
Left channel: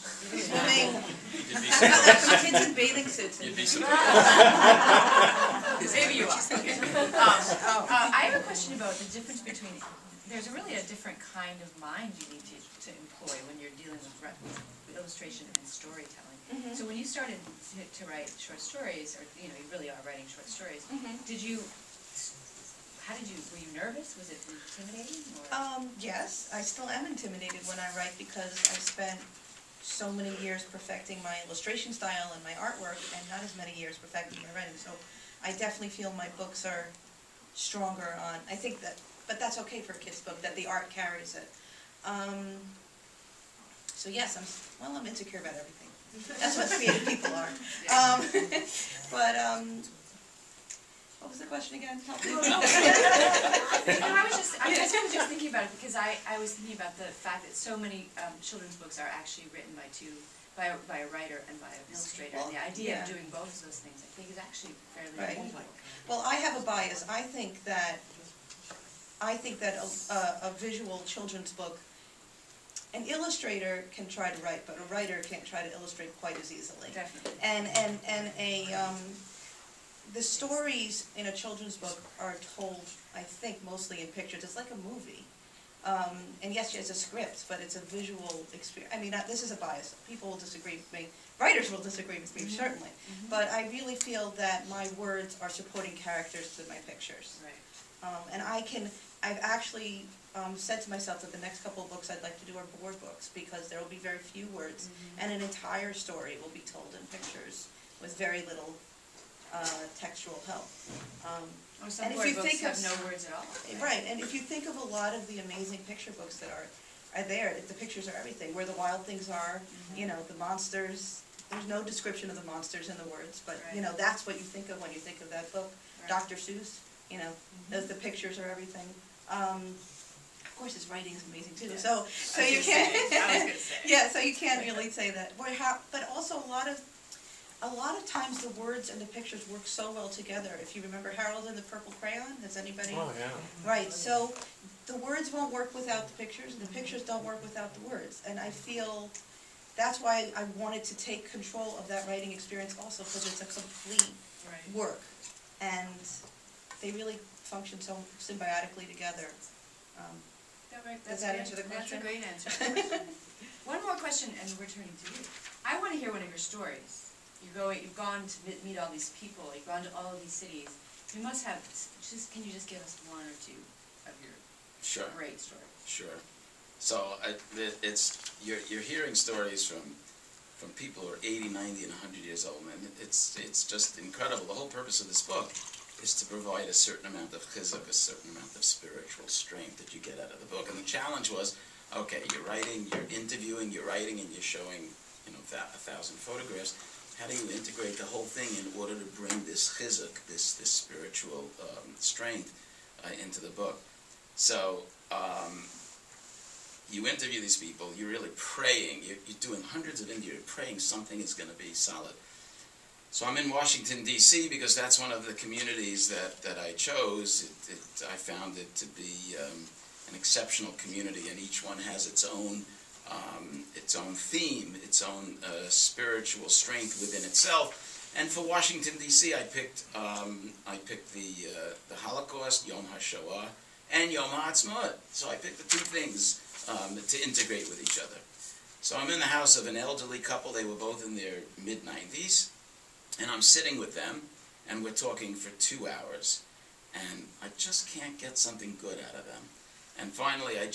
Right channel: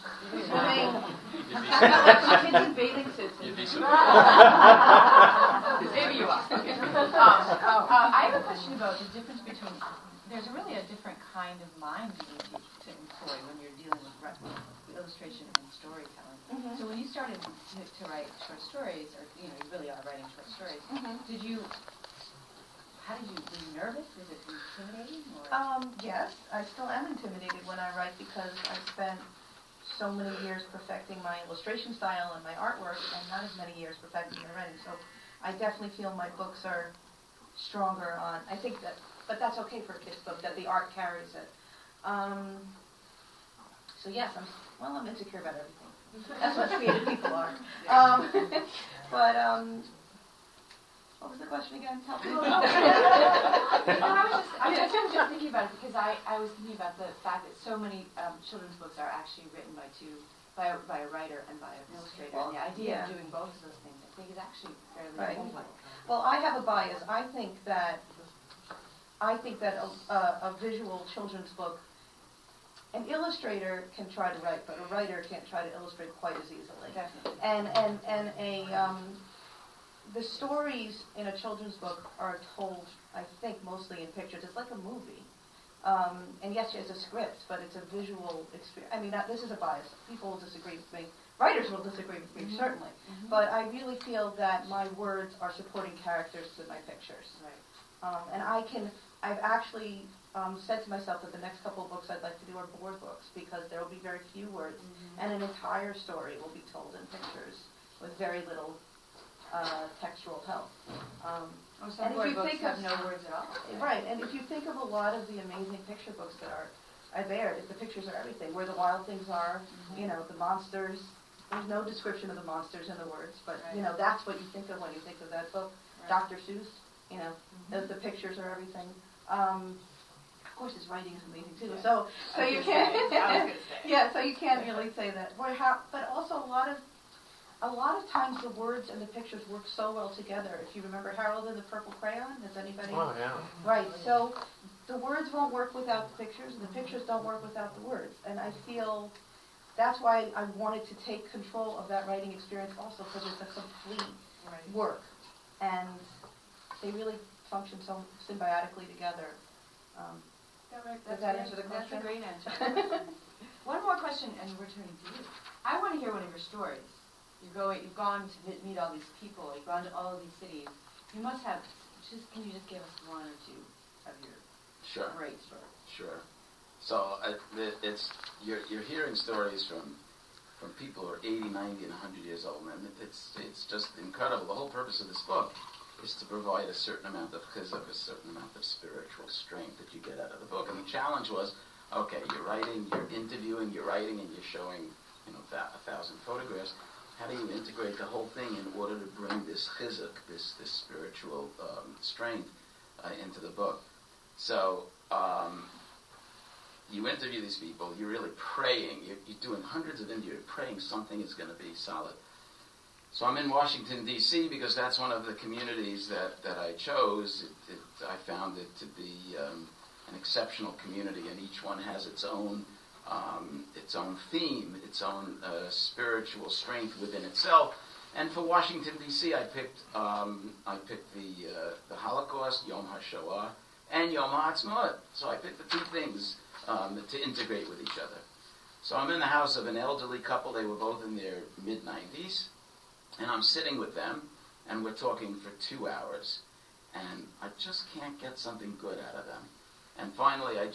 Swimming. You'd be Kids in bathing suits. You'd be Maybe you are. Okay. I have a question about the difference between. There's really a different kind of mind you need to employ when you're dealing with illustration and storytelling. Mm-hmm. So when you started to write short stories, or you really are writing short stories, Mm-hmm. How did you? Were you nervous? Was it intimidating? Or? Yes, I still am intimidated when I write because I spent so many years perfecting my illustration style and my artwork, and not as many years perfecting my writing. So I definitely feel my books are stronger on. I think that, but that's okay for a kid's book, that the art carries it. So yes, I'm insecure about everything. That's what creative people are. What was the question again? I was just thinking about it because I was thinking about the fact that so many children's books are actually written by a writer and by an illustrator. Well, and the idea of yeah. doing both of those things, I think, is actually fairly Right. unusual. Well, I have a bias. I think that a visual children's book, an illustrator can try to write, but a writer can't try to illustrate quite as easily. Definitely. The stories in a children's book are told, I think, mostly in pictures. It's like a movie. And yes, it's a script, but it's a visual experience. I mean, this is a bias. People will disagree with me. Writers will disagree with me, Mm-hmm. certainly. Mm-hmm. But I really feel that my words are supporting characters to my pictures. Right. And I've actually said to myself that the next couple of books I'd like to do are board books, because there will be very few words, Mm-hmm. and an entire story will be told in pictures with very little textual help. Some And if board you books think have of- no words at all. Right, and if you think of a lot of the amazing picture books that are there, the pictures are everything, where the wild things are, the monsters. There's no description of the monsters in the words, but, Right. that's what you think of when you think of that book. Right. Dr. Seuss, the pictures are everything. Of course, his writing is amazing too. Yeah. So you can't. I was gonna say. Yeah, so you can't really say that. But also a lot of times the words and the pictures work so well together. If you remember Harold and the Purple Crayon, has anybody? Oh, yeah. Right. So the words won't work without the pictures, and the pictures don't work without the words. And I feel that's why I wanted to take control of that writing experience also, because it's a complete Right. work, and they really function so symbiotically together. Does that answer the question? That's a great answer. One more question, and we're turning to you. I want to hear one of your stories. You've gone to meet all these people. You've gone to all of these cities. You must have. Can you just give us one or two of your Sure. great stories? Sure. So you're hearing stories from people who are 80, 90, and 100 years old, and it's just incredible. The whole purpose of this book is to provide a certain amount of chizuk, a certain amount of spiritual strength that you get out of the book. And the challenge was, okay, you're writing, you're interviewing, you're writing, and you're showing 1,000 photographs. How do you integrate the whole thing in order to bring this chizuk, this spiritual strength into the book? So you interview these people, you're really praying, you're doing hundreds of interviews, you're praying something is going to be solid. So I'm in Washington, D.C., because that's one of the communities that I chose. I found it to be an exceptional community, and each one has its own theme, its own spiritual strength within itself. And for Washington, D.C., I picked the Holocaust, Yom HaShoah, and Yom HaAtzmaut. So I picked the two things to integrate with each other. So I'm in the house of an elderly couple. They were both in their mid-90s. And I'm sitting with them, and we're talking for 2 hours. And I just can't get something good out of them. And finally, I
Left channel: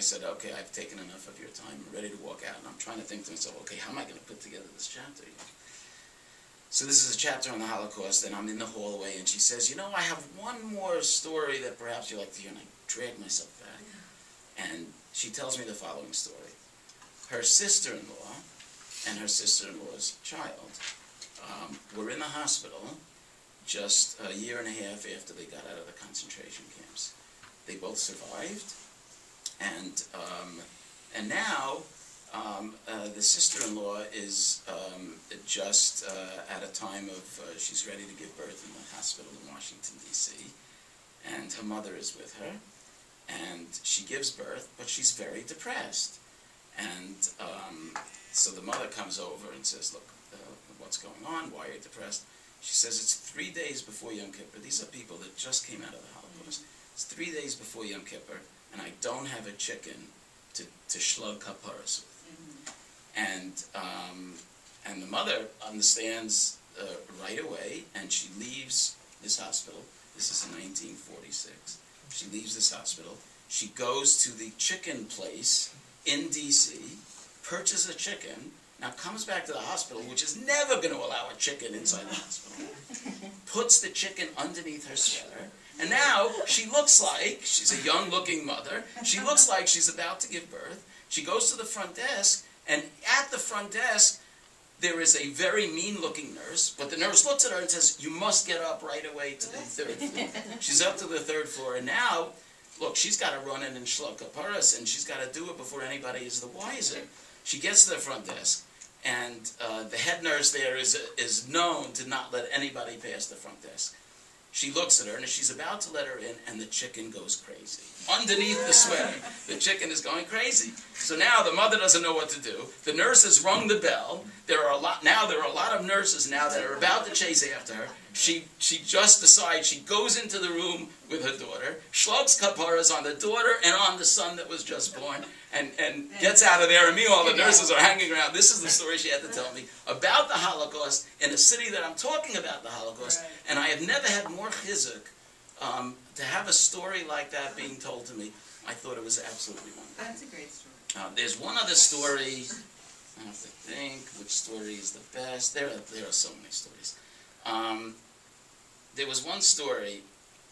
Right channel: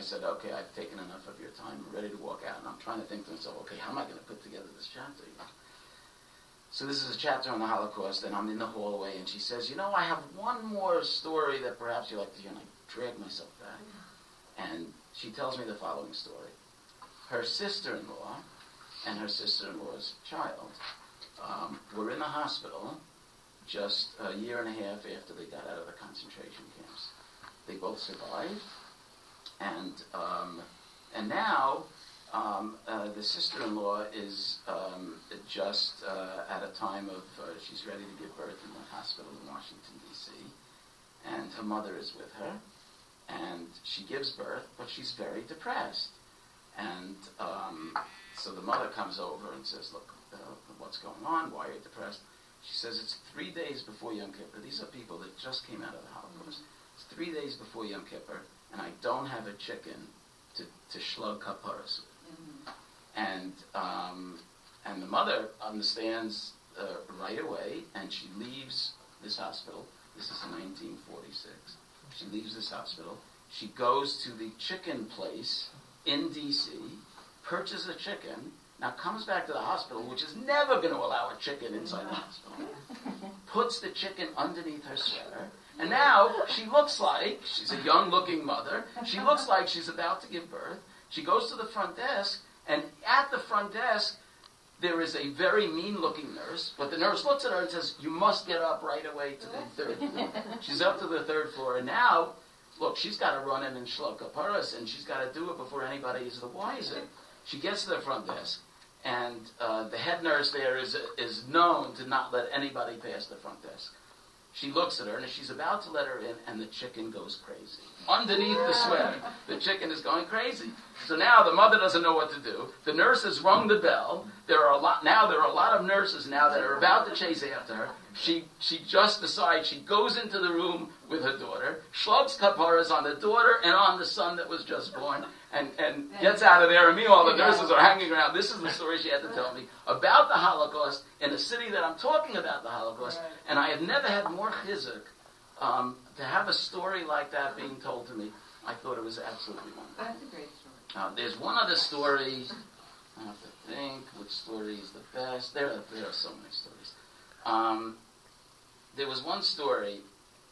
said, okay, I've taken enough of your time. I'm ready to walk out. And I'm trying to think to myself, okay, how am I going to put together this chapter? So this is a chapter on the Holocaust, and I'm in the hallway, and she says, I have one more story that perhaps you'd like to hear. And I drag myself back. And she tells me the following story. Her sister-in-law and her sister-in-law's child were in the hospital just a year and a half after they got out of the concentration camps. They both survived, and now The sister-in-law is just at a time of, she's ready to give birth in the hospital in Washington, D.C., and her mother is with her, and she gives birth, but she's very depressed. And so the mother comes over and says, look, what's going on? Why are you depressed? She says, it's 3 days before Yom Kippur. These are people that just came out of the Holocaust. It's 3 days before Yom Kippur, and I don't have a chicken to shlug kaparas with. And the mother understands right away, and she leaves this hospital. This is in 1946. She leaves this hospital. She goes to the chicken place in D.C., purchases a chicken, now comes back to the hospital, which is never going to allow a chicken inside the hospital, puts the chicken underneath her sweater, and now she looks like, she's a young-looking mother, she looks like she's about to give birth. She goes to the front desk, and at the front desk, there is a very mean-looking nurse, but the nurse looks at her and says, you must get up right away to the 3rd floor. She's up to the 3rd floor, and now, look, she's got to run in and shlug kaparas, and she's got to do it before anybody is the wiser. She gets to the front desk, and the head nurse there is known to not let anybody pass the front desk. She looks at her, and she's about to let her in, and the chicken goes crazy. Underneath the sweater, the chicken is going crazy. So now the mother doesn't know what to do. The nurse has rung the bell. There are a lot of nurses now that are about to chase after her. She just decides, she goes into the room with her daughter, shlugs kaparas on the daughter and on the son that was just born, and gets out of there, and meanwhile the nurses are hanging around. This is the story she had to tell me about the Holocaust in a city that I'm talking about the Holocaust, and I have never had more chizuk to have a story like that being told to me. I thought it was absolutely wonderful. That's a great story. There's one other story. I have to think which story is the best. There are so many stories. There was one story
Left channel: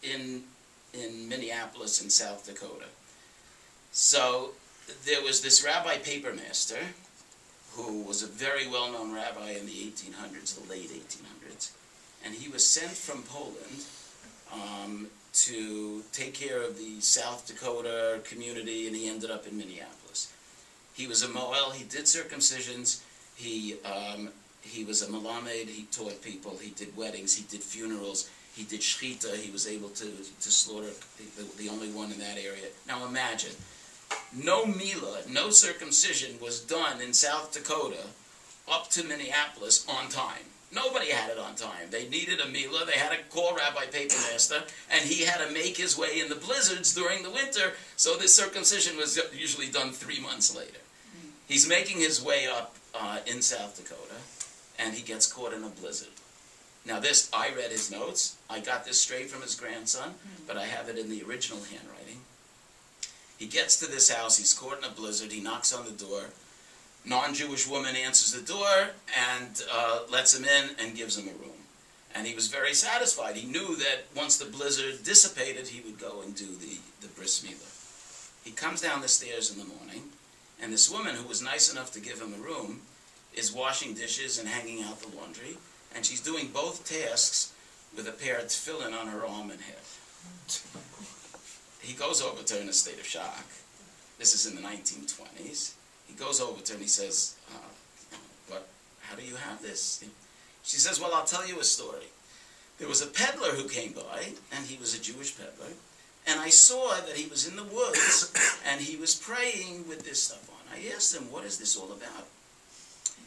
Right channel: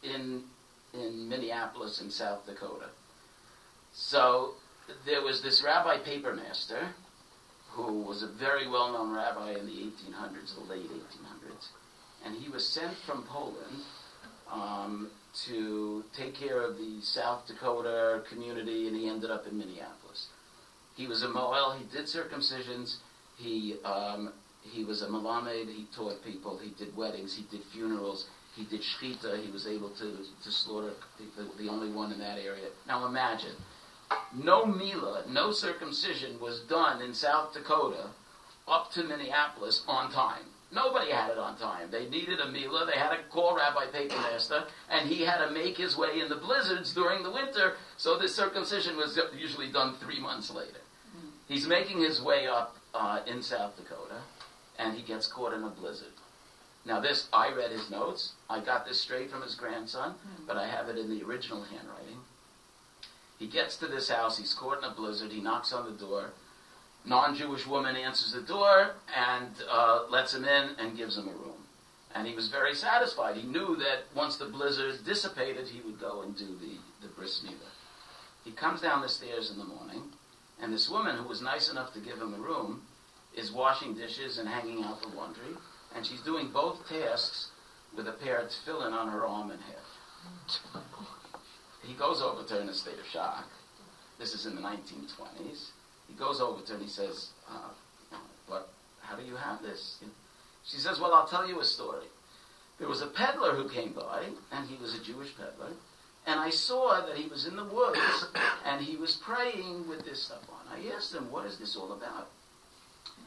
in Minneapolis in South Dakota. So there was this Rabbi Papermaster who was a very well-known rabbi in the 1800s, the late 1800s, and he was sent from Poland to take care of the South Dakota community, and he ended up in Minneapolis. He was a Moel, he did circumcisions, he was a Melamed, he taught people, he did weddings, he did funerals, he did shchita, he was able to slaughter, the only one in that area. Now imagine, no milah, no circumcision was done in South Dakota up to Minneapolis on time. Nobody had it on time. They needed a milah, they had to call Rabbi Papermaster, and he had to make his way in the blizzards during the winter, so this circumcision was usually done 3 months later. He's making his way up in South Dakota, and he gets caught in a blizzard. Now this, I read his notes, I got this straight from his grandson, but I have it in the original handwriting. He gets to this house, he's caught in a blizzard, he knocks on the door, non-Jewish woman answers the door and lets him in and gives him a room. And he was very satisfied. He knew that once the blizzard dissipated, he would go and do the bris milah. He comes down the stairs in the morning, and this woman who was nice enough to give him a room is washing dishes and hanging out the laundry, and she's doing both tasks with a pair of tefillin on her arm and hip. He goes over to her in a state of shock. This is in the 1920s. He goes over to her and he says, "But how do you have this?" She says, "Well, I'll tell you a story. There was a peddler who came by, and he was a Jewish peddler, and I saw that he was in the woods, and he was praying with this stuff on. I asked him, what is this all about?"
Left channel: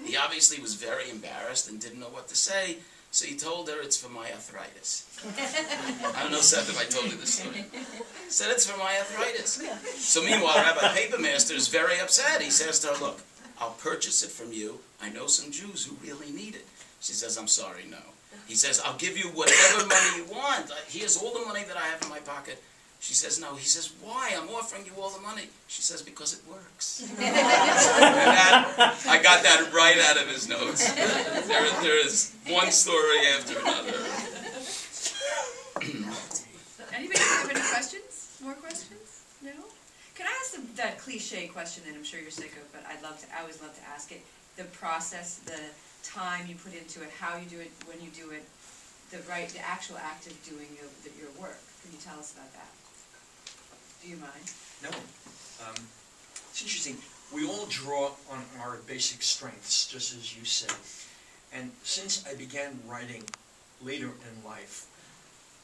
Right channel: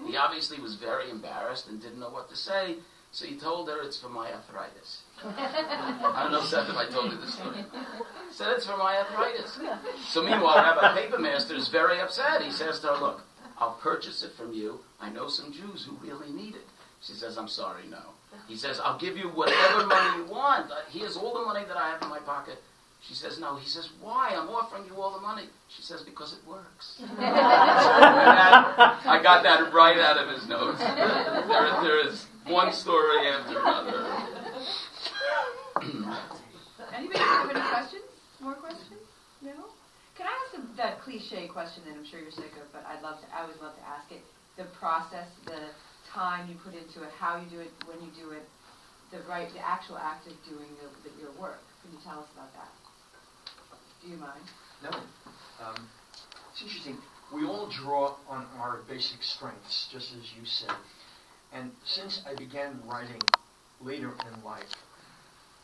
He obviously was very embarrassed and didn't know what to say, so he told her, "It's for my arthritis." I don't know, Seth, if I told you this story. He said, "It's for my arthritis." So meanwhile, Rabbi Papermaster is very upset. He says to her, "Look, I'll purchase it from you. I know some Jews who really need it." She says, "I'm sorry, no." He says, "I'll give you whatever money you want. Here's all the money that I have in my pocket." She says, "No." He says, "Why? I'm offering you all the money." She says, "Because it works." I got that right out of his notes. There is one story after another. Anybody have any questions? More questions? No? Can I ask that cliche question that I'm sure you're sick of, but I always love to ask it. The process, the time you put into it, how you do it, when you do it, the actual act of doing your work. Can you tell us about that? Do you mind? No. It's interesting. we all draw on our basic strengths, just as you said. And since I began writing later in life,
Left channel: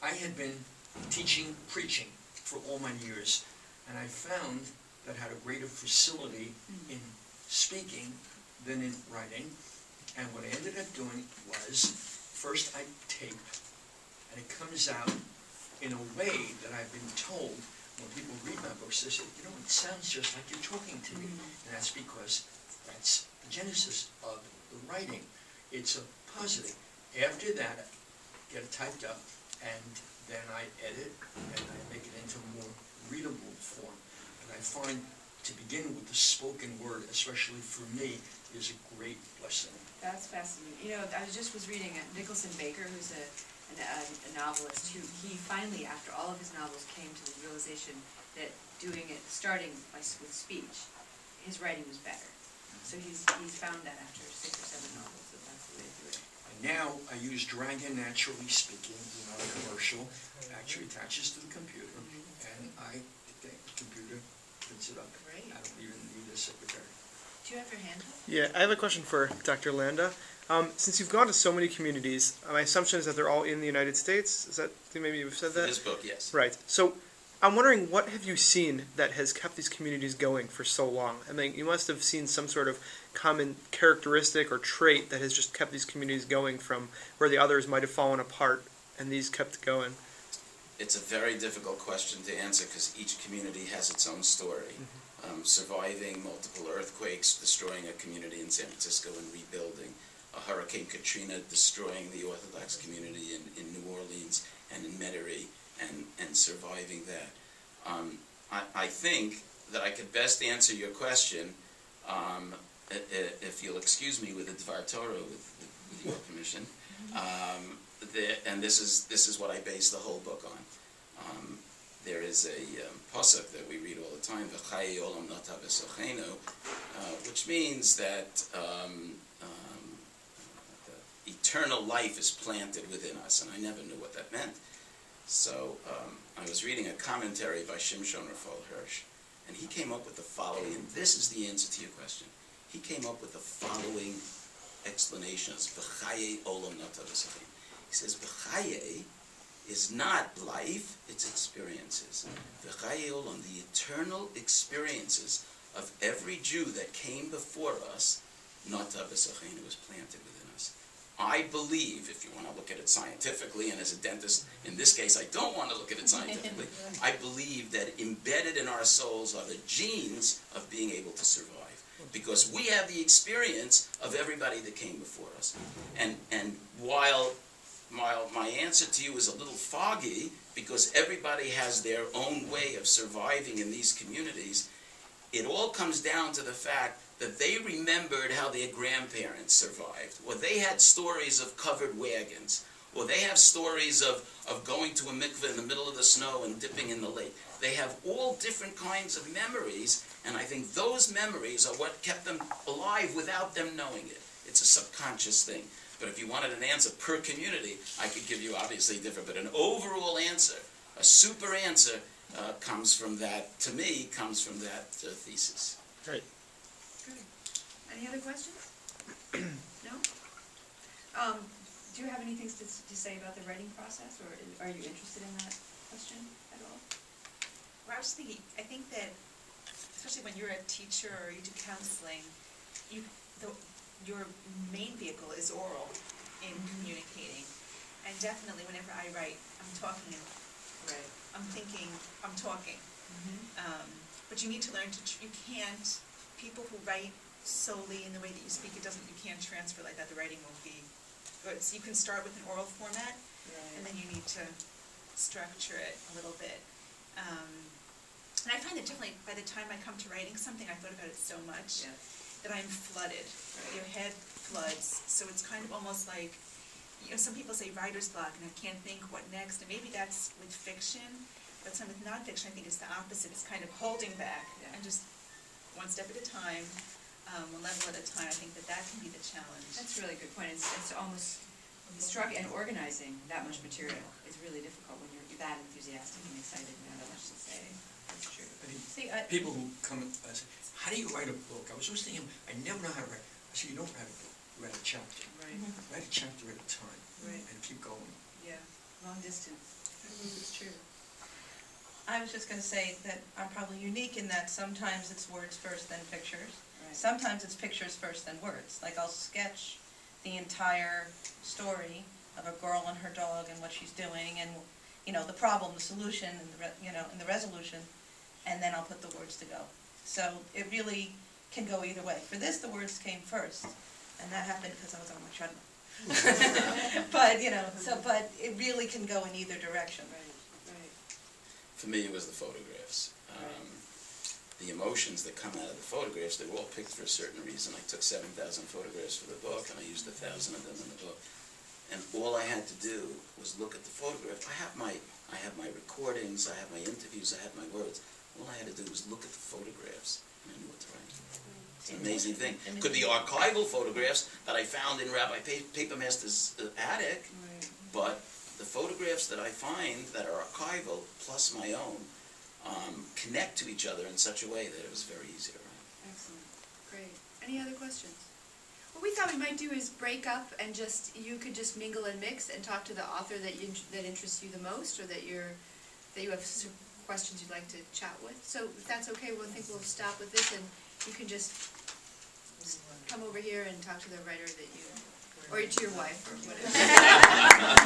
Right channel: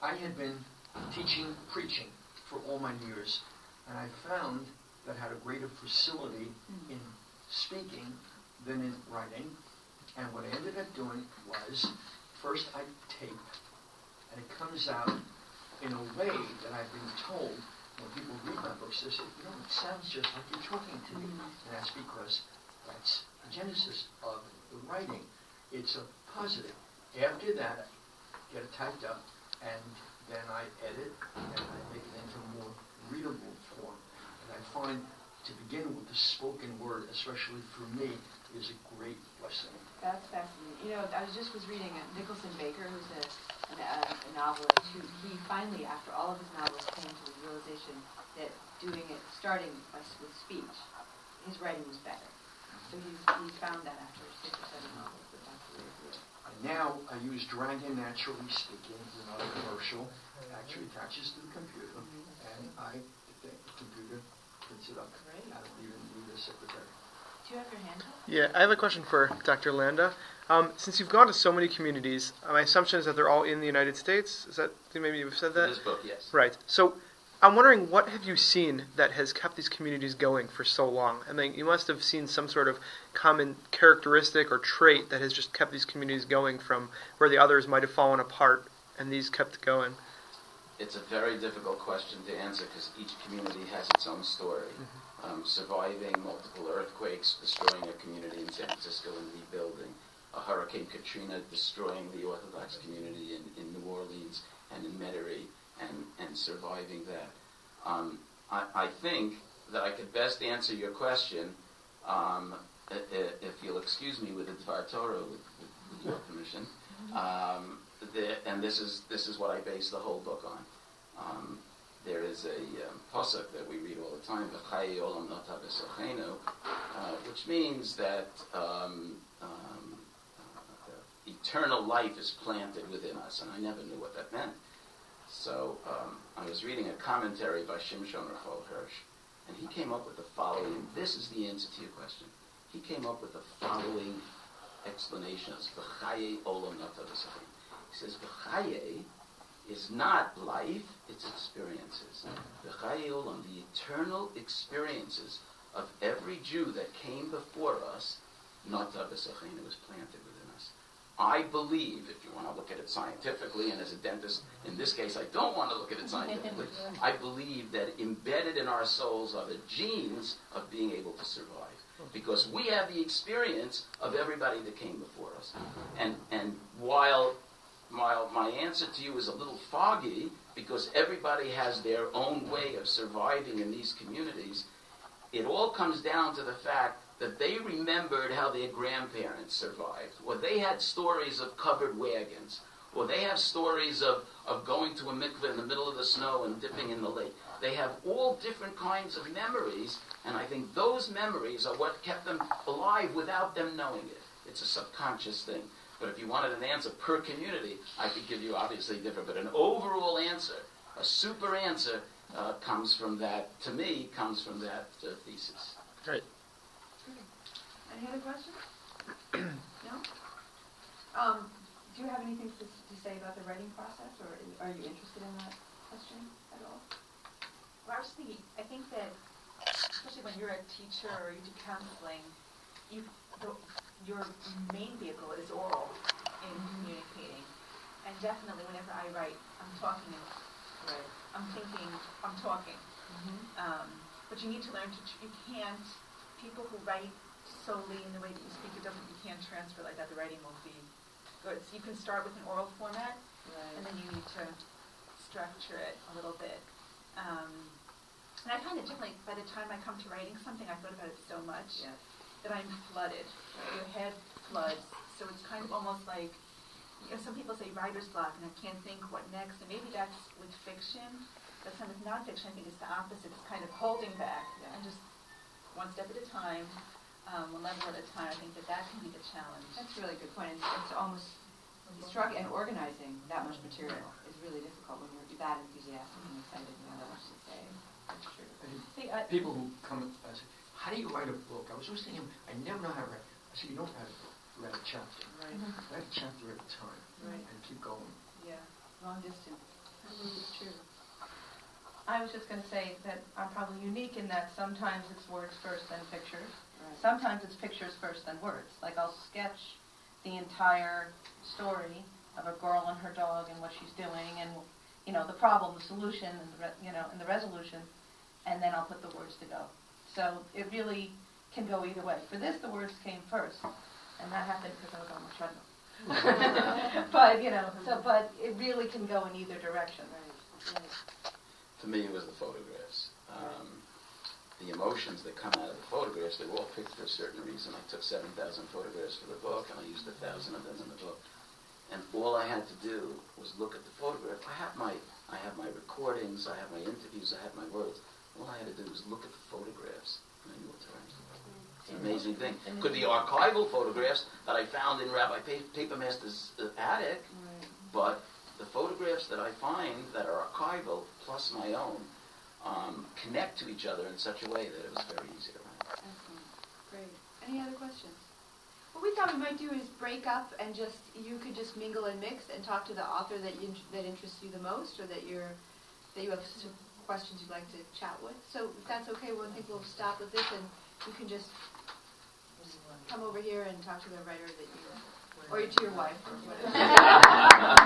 I had been teaching, preaching for all my years, and I found that I had a greater facility in speaking than in writing. And what I ended up doing was, first I tape, and it comes out in a way that I've been told when people read my books, they say, you know, it sounds just like you're talking to me. And that's because that's the genesis of the writing. It's a positive. After that, I get it typed up, and then I edit, and I make it into a more readable form. And I find, to begin with, the spoken word, especially for me, is a great blessing. That's fascinating. You know, I was reading Nicholson Baker, who's a novelist, who he finally, after all of his novels, came to the realization that starting with speech, his writing was better. So he's found that after 6 or 7 novels, that's the way to do it. And now I use Dragon Naturally Speaking, not a commercial. It actually attaches to the computer, and the computer prints it up. Great. I don't even need a secretary. Do you have your hand up? Yeah, I have a question for Dr. Landa. Since you've gone to so many communities, my assumption is that they're all in the United States. Is that, maybe you've said that? This book, yes. Right. So I'm wondering, what have you seen that has kept these communities going for so long? I mean, you must have seen some sort of common characteristic or trait that has just kept these communities going from where the others might have fallen apart, and these kept going. It's a very difficult question to answer because each community has its own story. Surviving multiple earthquakes, destroying a community in San Francisco and rebuilding. A Hurricane Katrina destroying the Orthodox community in New Orleans and in Metairie and surviving that. I think that I could best answer your question, if you'll excuse me, with a Dvar Torah, with your permission. And this is what I base the whole book on. There is a pasuk that we read all the time, "V'chayei olam nata b'sochenu," which means that eternal life is planted within us, and I never knew what that meant. So I was reading a commentary by Shimshon Raphael Hirsch, and he came up with the following, and this is the answer to your question. He came up with the following explanations, "V'chayei olam nata b'sochenu." He says, "V'chayei is not life, it's experiences. V'chayei olam, the eternal experiences of every Jew that came before us, nata b'sochenu, was planted within us." I believe, if you want to look at it scientifically, and as a dentist, in this case, I don't want to look at it scientifically, I believe that embedded in our souls are the genes of being able to survive. Because we have the experience of everybody that came before us. And while my answer to you is a little foggy, because everybody has their own way of surviving in these communities, it all comes down to the fact that they remembered how their grandparents survived, or they had stories of covered wagons, or they have stories of going to a mikveh in the middle of the snow and dipping in the lake. They have all different kinds of memories, and I think those memories are what kept them alive without them knowing it. It's a subconscious thing. But if you wanted an answer per community, I could give you obviously different, but an overall answer, a super answer, comes from that, to me, comes from that thesis. Right. Good. Any other questions? No? Do you have anything to say about the writing process, or are you interested in that question at all? Well, I was thinking, I think that, especially when you're a teacher or you do counseling, your main vehicle is oral in communicating. And definitely whenever I write, I'm talking, Right. I'm thinking, I'm talking. But you need to learn you can't, people who write solely in the way that you speak, you can't transfer like that, the writing won't be good. So you can start with an oral format, and then you need to structure it a little bit. And I find that definitely by the time I come to writing something, I've thought about it so much that I'm flooded. Your head floods. So it's kind of almost like, some people say writer's block, and I can't think what next. And maybe that's with fiction, but some with nonfiction, I think it's the opposite. It's kind of holding back and just one step at a time, one level at a time. I think that can be the challenge. That's a really good point. It's almost and organizing that much material is really difficult when you're that enthusiastic and excited and have that much to say. That's true. People who come and say, how do you write a book? I was always thinking, I never know how to write. I said, you don't write a book, you write a chapter. Right, Write a chapter at a time, Right. and keep going. yeah, long distance, I believe it's true. I was just going to say that I'm probably unique in that sometimes it's words first, then pictures. Right. Sometimes it's pictures first, then words. Like I'll sketch the entire story of a girl and her dog and what she's doing, and the problem, the solution, and the resolution, and then I'll put the words to go. So it really can go either way. For this, the words came first, and that happened because I was on my treadmill. But it really can go in either direction. Right. For me, it was the photographs. The emotions that come out of the photographs, they were all picked for a certain reason. I took 7,000 photographs for the book, and I used 1,000 of them in the book. And all I had to do was look at the photograph. I have my recordings, I have my interviews, I have my words. All I had to do was look at the photographs, and I knew what to write. It's an amazing thing. Could be archival photographs that I found in Rabbi Papermaster's attic, but the photographs that I find that are archival, plus my own, connect to each other in such a way that it was very easy to write. Excellent. Great. Any other questions? What we thought we might do is break up and you could just mingle and mix and talk to the author that interests you the most, or that you have some questions you'd like to chat with. So if that's okay, I think we'll stop with this, and you can just come over here and talk to the writer that you, or to your wife, or whatever.